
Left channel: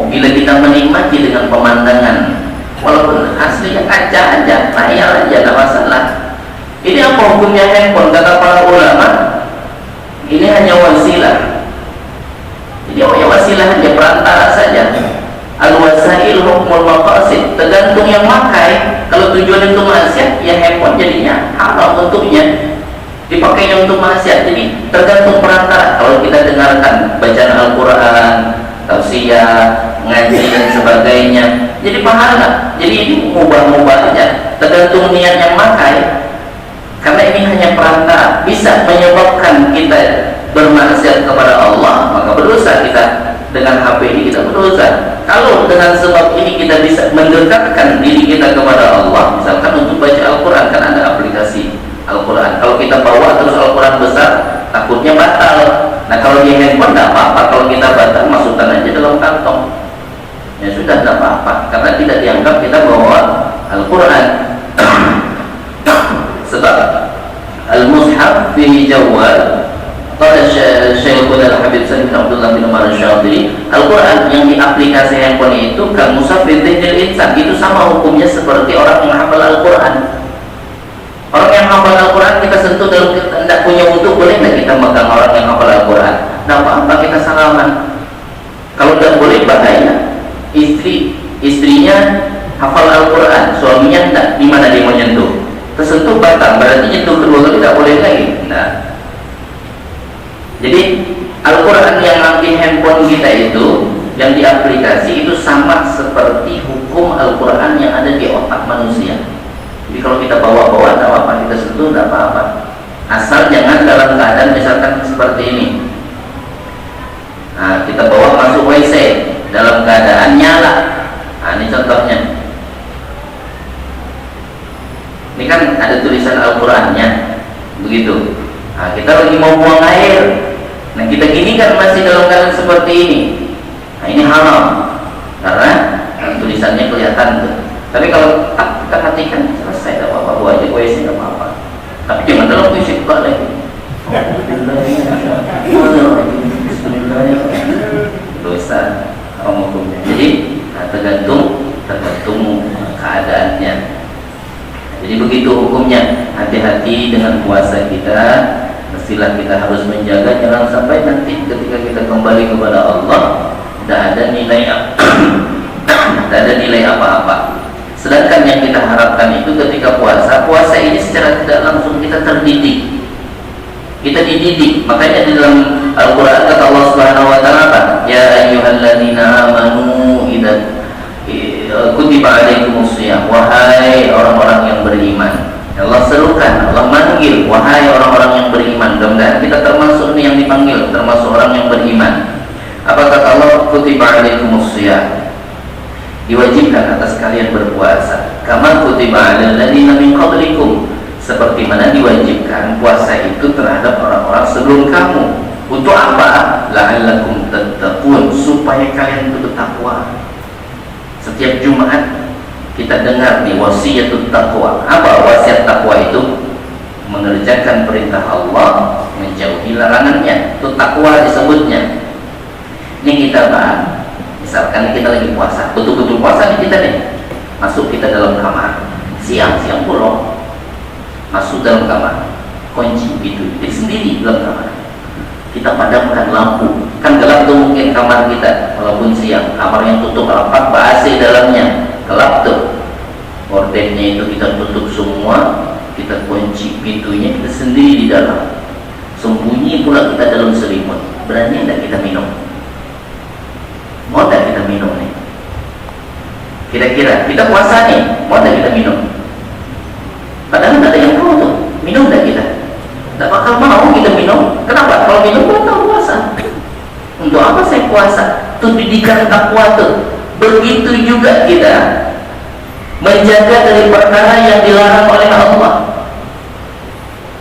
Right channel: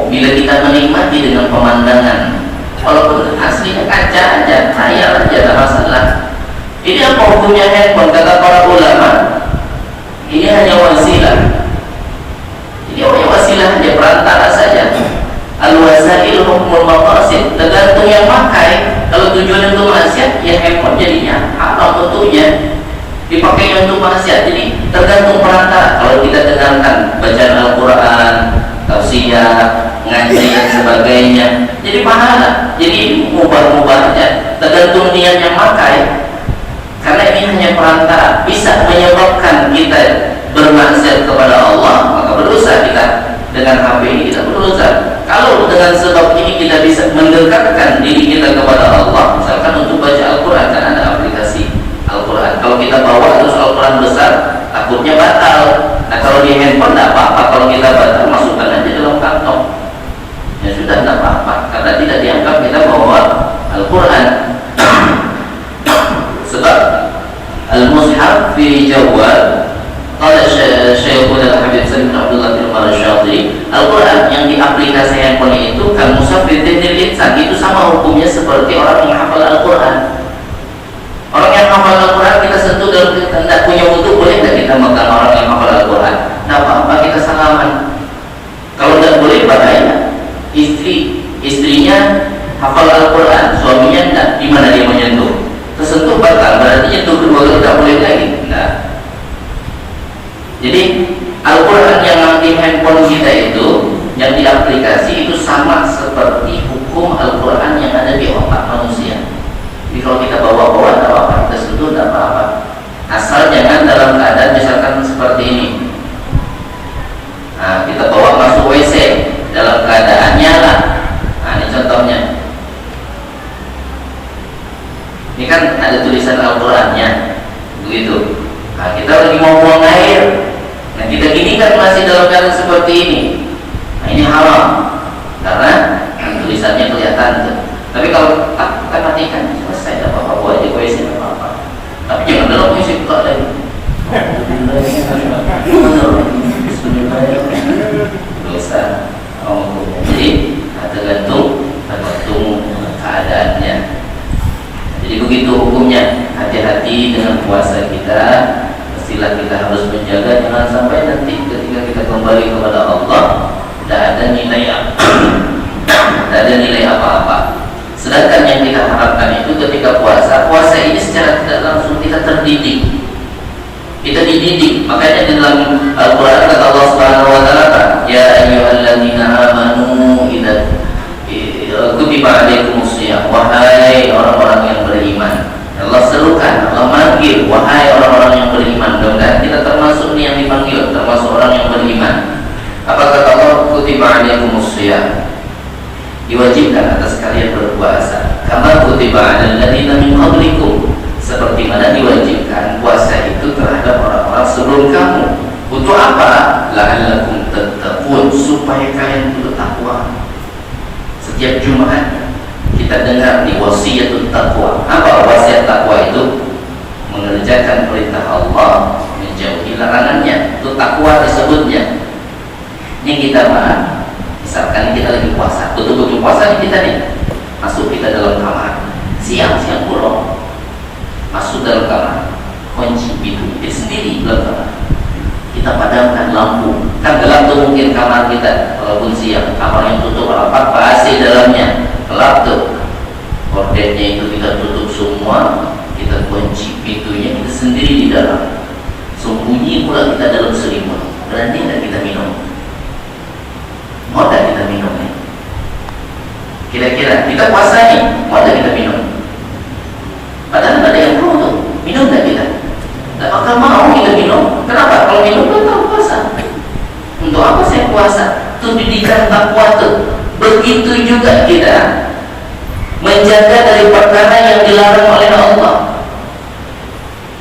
Bila kita menikmati dengan pemandangan, walaupun aslinya kaca aja, layar aja, tak masalah. Ini apa hukumnya handphone? Kata para ulama, ini hanya wasilah. Jadi hanya wasilah saja, perantara saja. Al-wasail hukmul maqasid, tergantung yang makai. Kalau tujuan untuk maksiat, ya handphone jadinya haram bentuknya, dipakai untuk maksiat. Jadi tergantung perantara. Kalau kita dengarkan bacaan Al-Quran, tafsir, ngaji dan sebagainya, jadi pahala. Jadi ini mubah-mubah aja, tergantung niat yang makai. Karena ini hanya perantara, bisa menyebabkan kita bermaksiat kepada Allah, maka berdosa kita. Dengan HP ini kita berdosa. Kalau dengan sebab ini kita bisa mendekatkan diri kita kepada Allah, misalkan untuk baca Al-Quran, kan ada aplikasi Al-Quran. Kalau kita bawa terus Al-Quran besar, takutnya batal. Nah kalau di handphone tidak apa-apa. Kalau kita batal, masukkan aja dalam kantong. Ya sudah, tidak apa-apa, karena tidak dianggap kita bawa Al-Quran. Sebab Al-Mushaf fi Jawal, kalau Syekhul Habib Salim bin Abdullah bin Umar Syadili, Al-Quran yang di aplikasi handphone itu kan Mushaf fi Tajdil Insan, itu sama hukumnya seperti orang yang hafal Al-Quran. Orang yang hafal Al-Quran kita sentuh dalam tidak punya wudhu, boleh tidak kita megang orang yang hafal Al-Quran? Tidak apa-apa, kita salaman. Kalau tidak boleh, bahaya. Istrinya hafal Al-Quran, suaminya tidak, di mana dia menyentuh? Tersentuh batal, berarti nyentuh kedua kali tidak boleh lagi. diaplikasi itu sama seperti hukum Al-Quran yang ada di otak manusia. Jadi kalau kita bawa-bawa tidak apa-apa, kita sentuh tidak apa-apa, asal jangan dalam keadaan misalkan seperti ini. Nah, kita bawa masuk WC dalam keadaan nyala. Nah, ini contohnya. Ini kan ada tulisan Al-Qurannya, begitu. Nah, kita lagi mau buang air. Nah, kita gini kan masih dalam keadaan seperti ini. Nah, ini haram karena tulisannya kelihatan tuh. Tapi kalau kita matikan, selesai, tidak apa-apa, buat aja WC, tidak apa-apa. Tapi jangan dalam WC pula lagi. Dosa apa hukumnya? Jadi tergantung keadaannya. Jadi begitu hukumnya. Hati-hati dengan puasa kita. Mestilah kita harus menjaga, jangan sampai nanti ketika kita kembali kepada Allah tidak ada nilai apa-apa. Sedangkan yang kita harapkan itu ketika puasa ini secara tidak langsung kita terdidik. Kita dididik. Makanya di dalam Al-Quran kata Allah Subhanahu wa taala, ya ayyuhalladzina amanu idza kutiba alaikumusiyam, wahai orang-orang yang beriman. Allah serukan, Allah manggil, wahai orang-orang yang beriman. Dan kita termasuk nih yang dipanggil, termasuk orang yang beriman. Apa kata Allah? Kutiba alaikumusiyam, diwajibkan atas kalian berpuasa. Kama kutiba alal ladzina min qablikum, seperti mana diwajibkan puasa itu terhadap orang-orang sebelum kamu. Untuk apa? La'allakum tattaqun, supaya kalian itu bertakwa. Setiap Jumat kita dengar di wasiatut taqwa. Apa wasiat takwa itu? Mengerjakan perintah Allah, menjauhi larangannya. Itu takwa disebutnya. Ini kita bahas. Misalkan kita lagi puasa, betul-betul puasa nih kita nih. Masuk kita dalam kamar, siang-siang bolong, masuk dalam kamar, kunci pintu, kita sendiri dalam kamar. Kita padamkan lampu, kan gelap tuh mungkin kamar kita, walaupun siang, kamar yang tutup rapat, AC dalamnya, gelap tuh. Gordennya itu kita tutup semua, kita kunci pintunya, kita sendiri di dalam. Sembunyi pula kita dalam selimut. Berani tidak kita minum? Mau tak kita minum nih? Kira-kira kita puasa nih, mau tak kita minum? Padahal ada yang tahu tuh, minum tak kita? Tak bakal mau kita minum. Kenapa? Kalau minum kan tahu puasa. Untuk apa saya puasa? Itu didikan takwa tuh. Begitu juga kita menjaga dari perkara yang dilarang oleh Allah.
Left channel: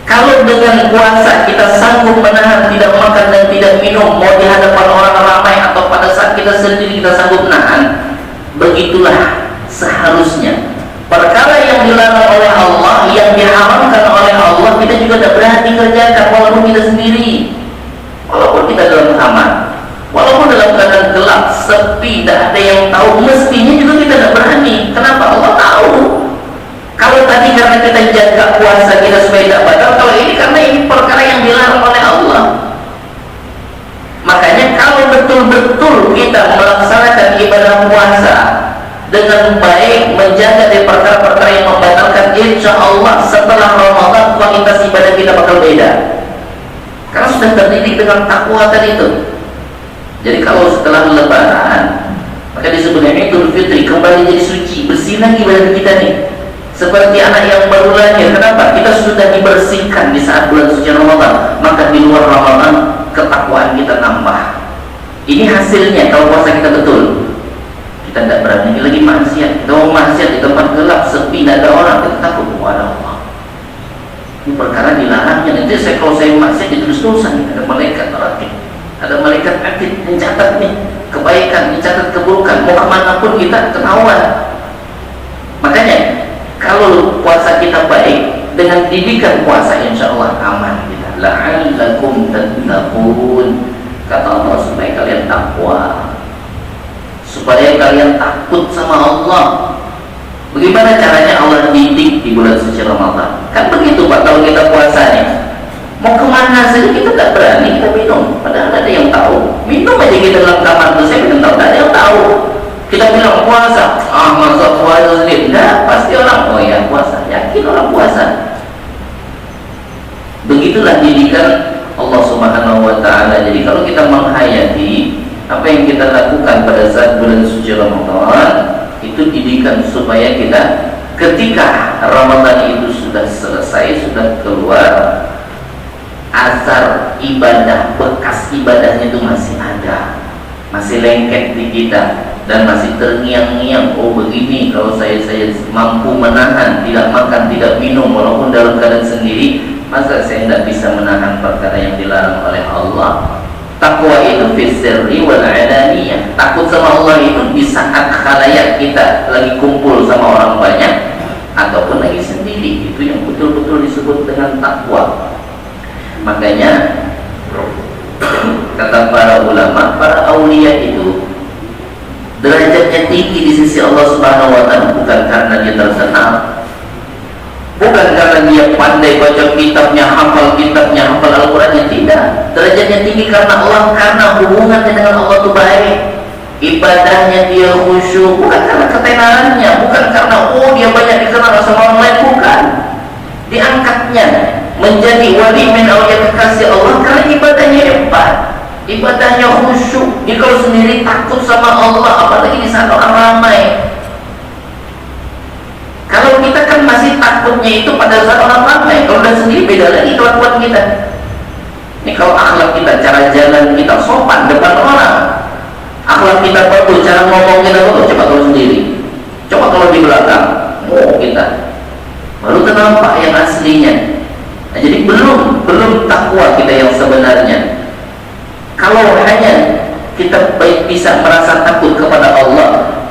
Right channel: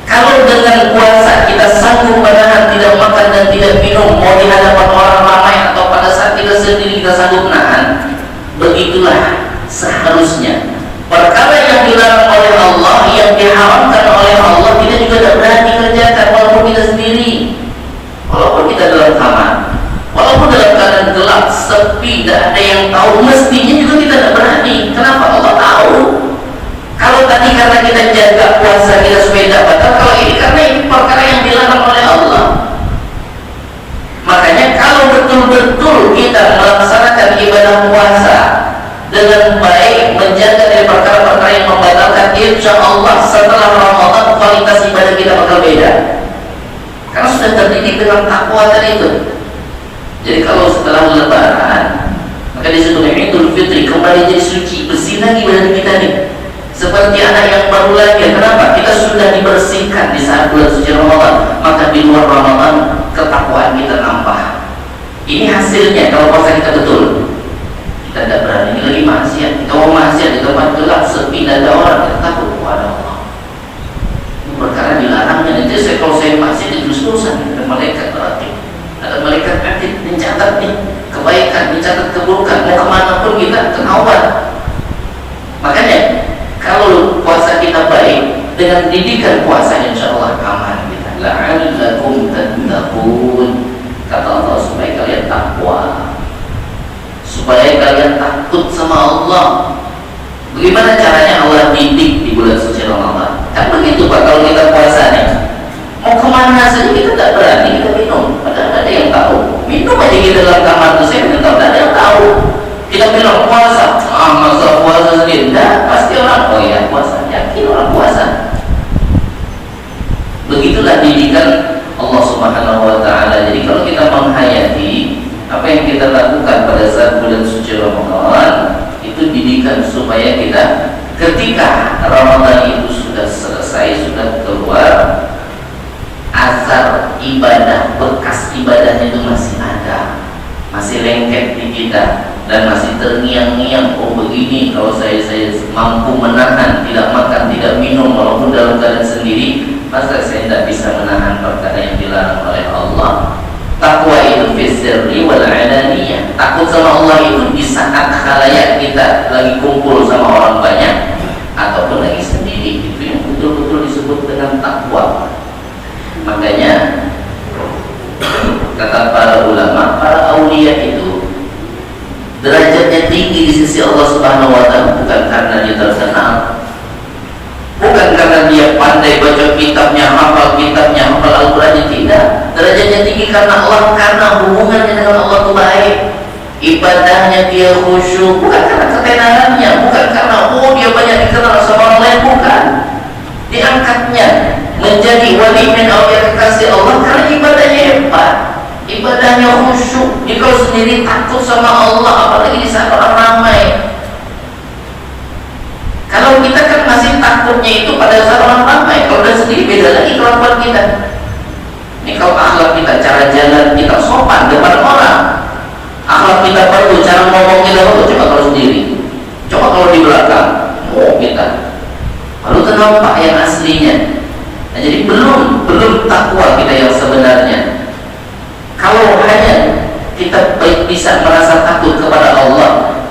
Kalau dengan puasa kita sanggup menahan tidak makan dan tidak minum, mau di hadapan orang ramai atau pada saat kita sendiri kita sanggup menahan, begitulah seharusnya. Perkara yang dilarang oleh Allah, yang diharamkan oleh Allah, kita juga tidak berani kerjakan walaupun kita sendiri, walaupun kita dalam kamar, walaupun dalam keadaan gelap, sepi, tidak ada yang tahu, mestinya juga kita tidak berani. Kenapa? Allah tahu. Kalau tadi karena kita jaga puasa kita supaya tidak batal, kalau ini karena ini perkara yang dilarang oleh Allah. Makanya kalau betul-betul kita melaksanakan ibadah puasa dengan baik, menjaga dari perkara-perkara yang membatalkan, insya Allah setelah Ramadan kualitas ibadah kita bakal beda. Karena sudah terdidik dengan takwa tadi itu. Jadi kalau setelah Lebaran, maka disebut Idul Fitri, kembali jadi suci, bersih lagi badan kita nih. Seperti anak yang baru lahir. Kenapa? Kita sudah dibersihkan di saat bulan suci Ramadan. Maka di luar Ramadan ketakwaan kita tambah. Ini hasilnya kalau puasa kita betul. Kita tidak berani lagi maksiat. Kita mau maksiat di tempat gelap, sepi, tidak ada orang, kita takut kepada Allah. Ini perkara dilarangnya. Nanti kalau saya maksiat ditulis dosa, ada malaikat ratib, ada malaikat atid mencatat nih kebaikan, mencatat keburukan. Mau kemana pun kita ketahuan. Makanya kalau puasa kita baik dengan didikan puasa, insya Allah aman kita. La'allakum tattaqun, kata Allah, supaya kalian takwa, supaya kalian takut sama Allah. Bagaimana caranya Allah didik di bulan suci Ramadan? Kan begitu Pak, kalau kita puasa nih, mau kemana saja kita tidak berani kita minum. Padahal ada yang tahu. Minum aja kita dalam kamar tuh, saya minum tahu, tidak ada yang tahu. Kita bilang puasa, masa puasa sendiri? Tidak, pasti orang, oh ya puasa, yakin orang puasa. Begitulah didikan Allah Subhanahu wa Ta'ala. Jadi kalau kita menghayati apa yang kita lakukan pada saat bulan suci Ramadan itu didikan supaya kita ketika Ramadan itu sudah selesai, sudah keluar, asar ibadah, bekas ibadahnya itu masih ada, masih lengket di kita dan masih terngiang-ngiang. Oh begini, kalau saya mampu menahan, tidak makan, tidak minum walaupun dalam keadaan sendiri, masa saya tidak bisa menahan perkara yang dilarang oleh Allah. Takwa itu fisirri wal alaniyah. Takut sama Allah itu di saat khalayak kita lagi kumpul sama orang banyak ataupun lagi sendiri. Itu yang betul-betul disebut dengan takwa. Makanya kata para ulama, para aulia itu derajatnya tinggi di sisi Allah Subhanahu wa taala bukan karena dia terkenal, bukan karena dia pandai baca kitabnya, hafal Al-Qurannya, tidak. Derajatnya tinggi karena Allah, karena hubungannya dengan Allah itu baik, ibadahnya dia khusyuk, bukan karena ketenarannya, bukan karena dia banyak dikenal sama orang lain, bukan. Diangkatnya menjadi wali min awliya kekasih Allah karena ibadahnya hebat, ibadahnya khusyuk. Dia kalau sendiri takut sama Allah, apalagi di saat orang ramai. Kalau kita kan masih takutnya itu pada saat orang ramai, kalau udah sendiri beda lagi kelakuan kita. Ini kalau akhlak kita, cara jalan kita sopan depan orang, akhlak kita perlu, cara ngomong kita perlu. Coba kalau sendiri, coba kalau di belakang, kita baru nampak yang aslinya. Nah, jadi belum takwa kita yang sebenarnya. Kalau hanya kita baik bisa merasa takut kepada Allah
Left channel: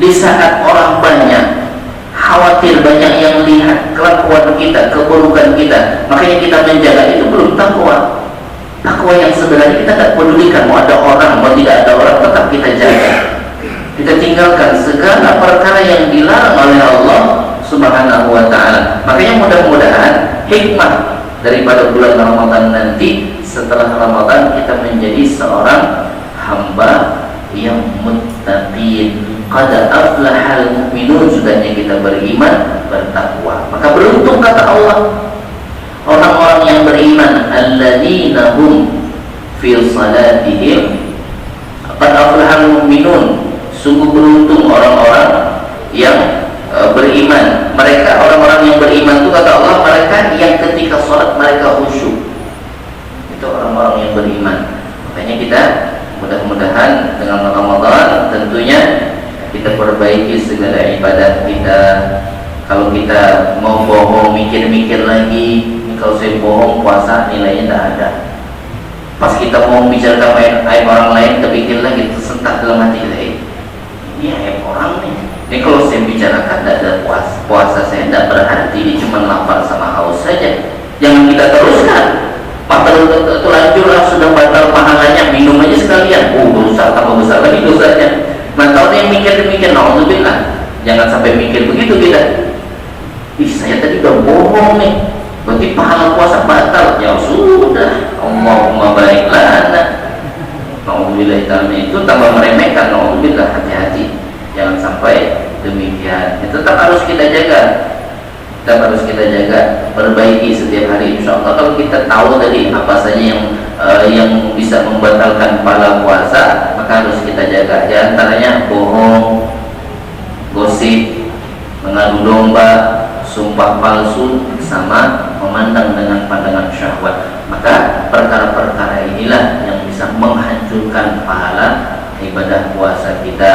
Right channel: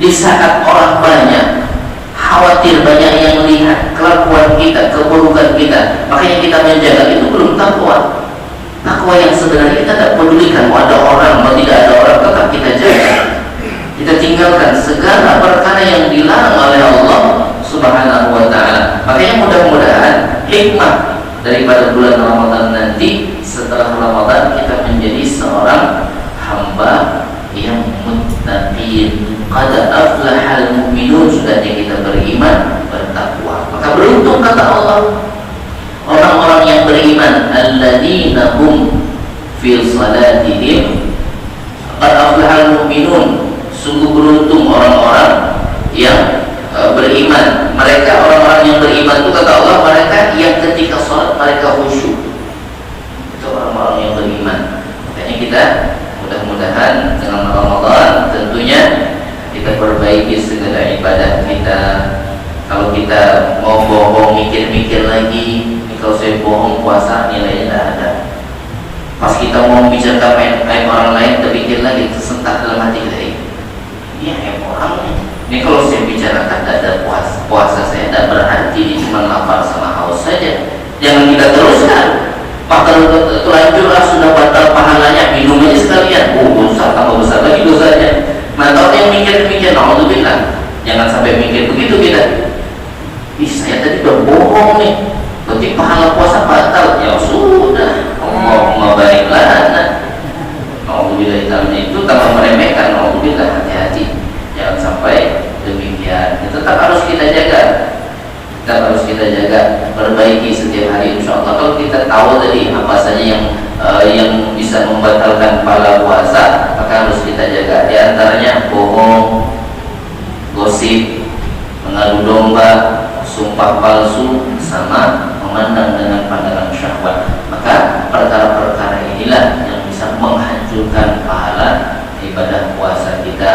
di saat orang banyak, khawatir banyak yang lihat kelakuan kita, keburukan kita, makanya kita menjaga, itu belum takwa. Takwa yang sebenarnya kita tidak pedulikan mau ada orang, mau tidak ada orang, tetap kita jaga. Kita tinggalkan segala perkara yang dilarang oleh Allah Subhanahu wa ta'ala. Makanya mudah-mudahan hikmah daripada bulan Ramadan nanti, setelah Ramadan kita menjadi seorang hamba yang muttaqin. Qad aflahal mu'minun, sudahnya kita beriman, bertakwa. Maka beruntung kata Allah orang-orang yang beriman, alladzina hum fi salatihim qad aflahal mu'minun. Sungguh beruntung orang-orang yang beriman. Mereka orang-orang yang beriman itu kata Allah, mereka yang ketika sholat mereka khusyuk. Itu orang-orang yang beriman. Makanya kita mudah-mudahan dengan Ramadan tentunya kita perbaiki segala ibadah kita. Kalau kita mau bohong, mikir-mikir lagi, ini kalau saya bohong puasa nilainya tidak ada. Pas kita mau bicara aib orang lain, terpikir lagi, tersentak dalam hati kita, ini aib orang nih. Ini kalau saya bicarakan tidak ada puasa saya tidak berarti, ini cuma lapar sama haus saja. Jangan kita teruskan. Terlanjurlah sudah batal pahalanya, minum aja sekalian. Dosa tambah besar lagi dosanya. Mantap yang mikir demikian, naudzubillah. Jangan sampai mikir begitu kita. Saya tadi udah bohong nih, berarti pahala puasa batal. Ya sudah, Allahumma barik lana. Naudzubillah, itu tambah meremehkan. Naudzubillah, hati-hati. Jangan sampai demikian. Tetap harus kita jaga. Tetap harus kita jaga, perbaiki setiap hari insyaallah. Kalau kita tahu tadi apa saja yang bisa membatalkan pahala puasa, maka harus kita jaga. Di antaranya bohong, gosip, mengadu domba, sumpah palsu, sama memandang dengan pandangan syahwat. Maka perkara-perkara inilah yang bisa menghancurkan pahala ibadah puasa kita.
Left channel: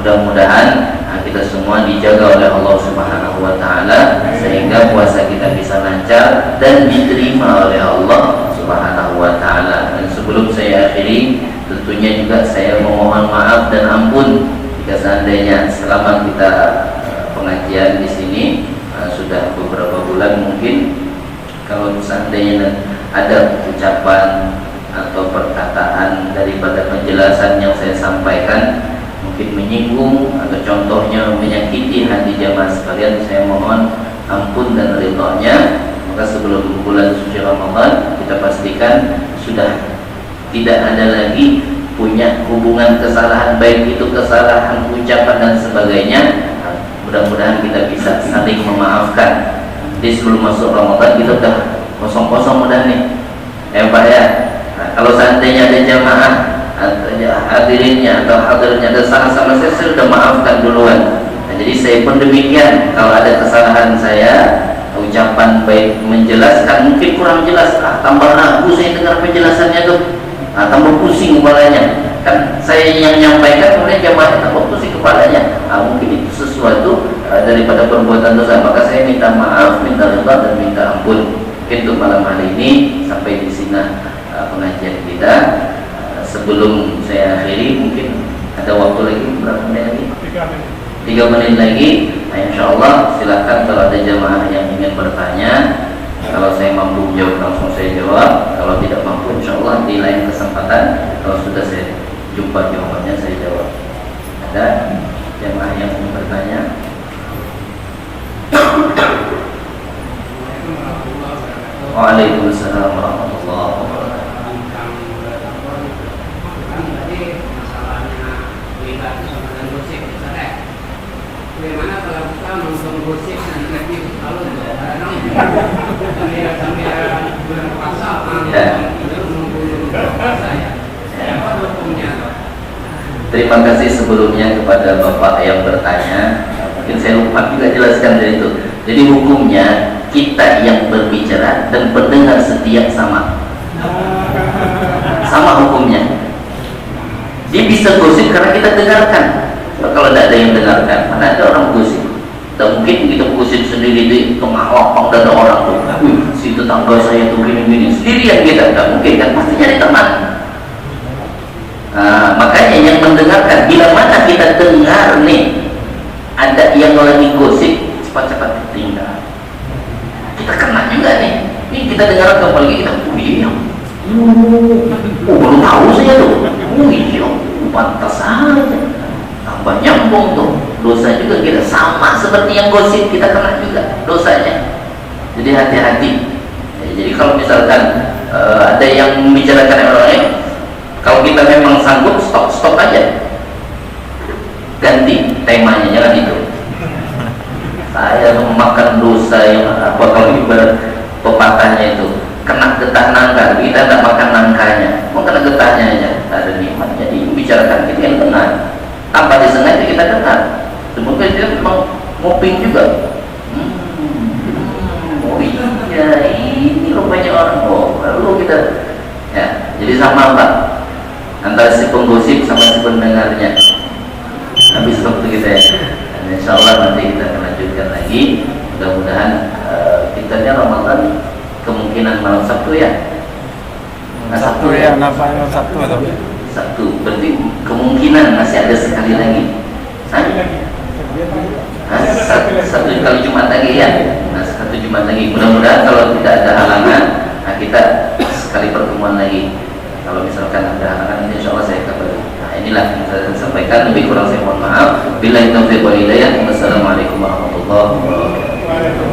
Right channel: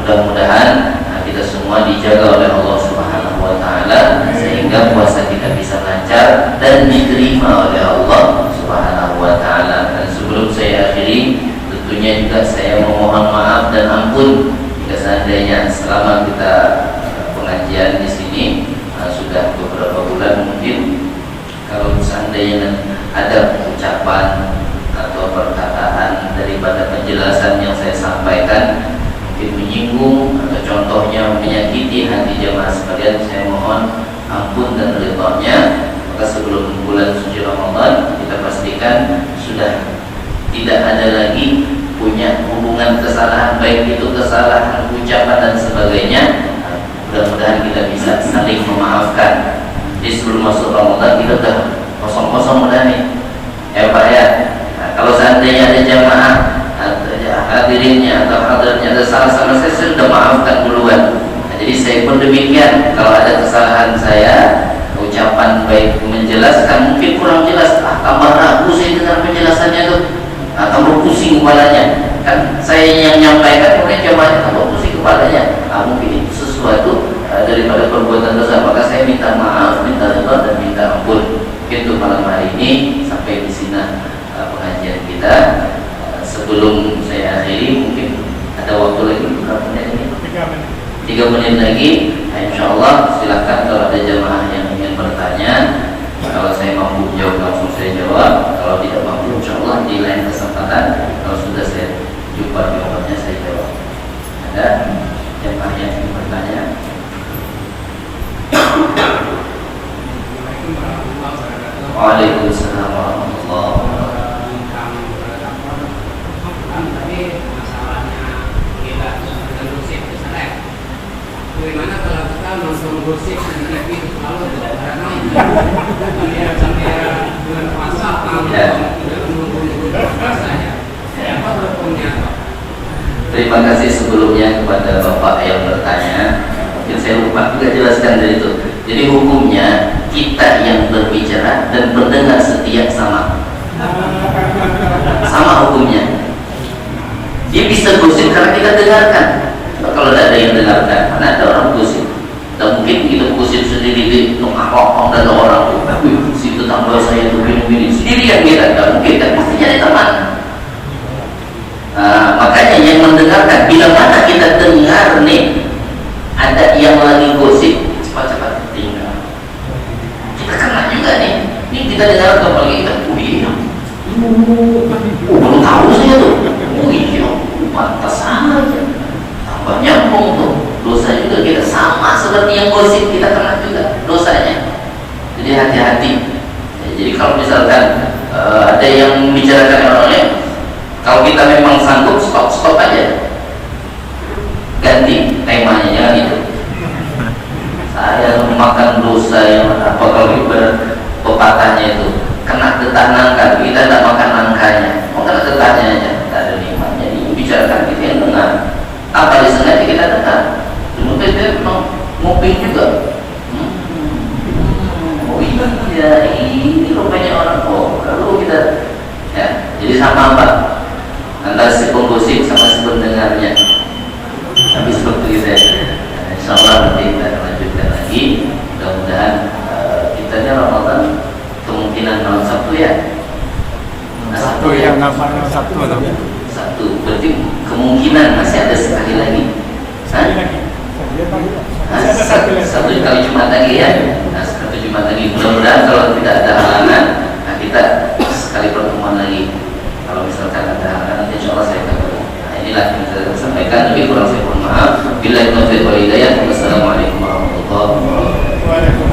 Mudah-mudahan kita semua dijaga oleh Allah Subhanahu wa ta'ala sehingga puasa kita bisa lancar dan diterima oleh Allah Subhanahu wa ta'ala. Dan sebelum saya akhiri, tentunya juga saya memohon maaf dan ampun jika seandainya selama kita pengajian di sini sudah beberapa bulan, mungkin kalau seandainya ada ucapan atau perkataan daripada penjelasan yang saya sampaikan mungkin menyinggung atau contohnya menyakiti hati jamaah sekalian, saya mohon ampun dan ridhonya. Maka sebelum bulan suci Ramadan kita pastikan sudah tidak ada lagi punya hubungan kesalahan, baik itu kesalahan ucapan dan sebagainya. Mudah-mudahan kita bisa saling memaafkan. Jadi sebelum masuk Ramadan kita udah kosong-kosong udah nih, Pak ya. Nah, kalau seandainya ada jamaah hadirinnya atau hadirnya kesalahan sama saya sudah maafkan duluan. Nah, jadi saya pun demikian, kalau ada kesalahan saya, ucapan baik menjelaskan mungkin kurang jelas, tambah ragu saya dengar penjelasannya tuh, tambah pusing kepalanya. Kan saya yang menyampaikan, kemudian jamaahnya tambah pusing kepalanya. Mungkin itu sesuatu daripada perbuatan dosa, maka saya minta maaf, minta ridha dan minta ampun. Itu malam hari ini sampai di sini pengajian kita. Sebelum saya akhiri, mungkin ada waktu lagi berapa menit ini? 3 menit lagi. Nah, insya Allah silakan kalau ada jamaah yang ingin bertanya. Kalau saya mampu menjawab langsung saya jawab. Kalau tidak mampu, insya Allah di lain kesempatan kalau sudah saya jumpa jawabannya saya jawab. Ada jamaah yang ingin bertanya? Waalaikumsalam warahmatullahi wabarakatuh. Bagaimana kalau kita nonton gosip di TV lalu sampai bulan puasa Terima kasih sebelumnya kepada Bapak yang bertanya. Mungkin saya lupa juga jelaskan dari itu. Jadi hukumnya kita yang berbicara dan pendengar setia sama hukumnya. Dia bisa gosip karena kita dengarkan. Kalau tidak ada yang dengarkan, karena ada orang gosip. Tak mungkin kita gosip sendiri di tengah dan orang tuh, si tetangga saya tuh gini-gini sendirian kita. Tak mungkin kan, pasti nyari teman. Makanya yang mendengarkan, bila mana kita dengar nih ada yang lagi gosip, cepat-cepat tinggal. Kita kena juga nih. Ini kita dengar apalagi kita, iya, baru tahu saja tuh, iya, pantas saja. Tambah nyambung tuh, dosa juga kita sama seperti yang gosip, kita kena juga dosanya. Jadi hati-hati. Jadi kalau misalkan ada yang membicarakan orang lain, kalau kita memang sanggup, stop aja, ganti temanya, jangan itu. Saya memakan dosa yang apa, kalau pepatahnya itu kena getah nangka, kita tidak makan nangkanya, mau kena getahnya aja, tak ada nikmatnya. Jadi membicarakan kita yang benar, apa disengaja kita dengar. Mungkin dia memang ngoping juga. Oh iya, ini rupanya orang. Oh, lalu kita ya, jadi sama Pak, antara si penggosip sama si pendengarnya. Habis waktu kita ya. Insya Allah nanti kita lanjutkan lagi. Mudah-mudahan kitanya Ramadan kemungkinan malam Sabtu ya. Sabtu ya, malam Sabtu atau? Sabtu, berarti kemungkinan masih ada sekali lagi. Satu kali Jumat lagi ya. Satu Jumat lagi. Mudah-mudahan kalau tidak ada halangan, kita sekali pertemuan lagi. Kalau misalkan ada halangan, insya Allah saya kabari. Inilah yang saya sampaikan. Lebih kurang saya mohon maaf. Billahi taufiq wal hidayah. Wassalamualaikum warahmatullahi wabarakatuh.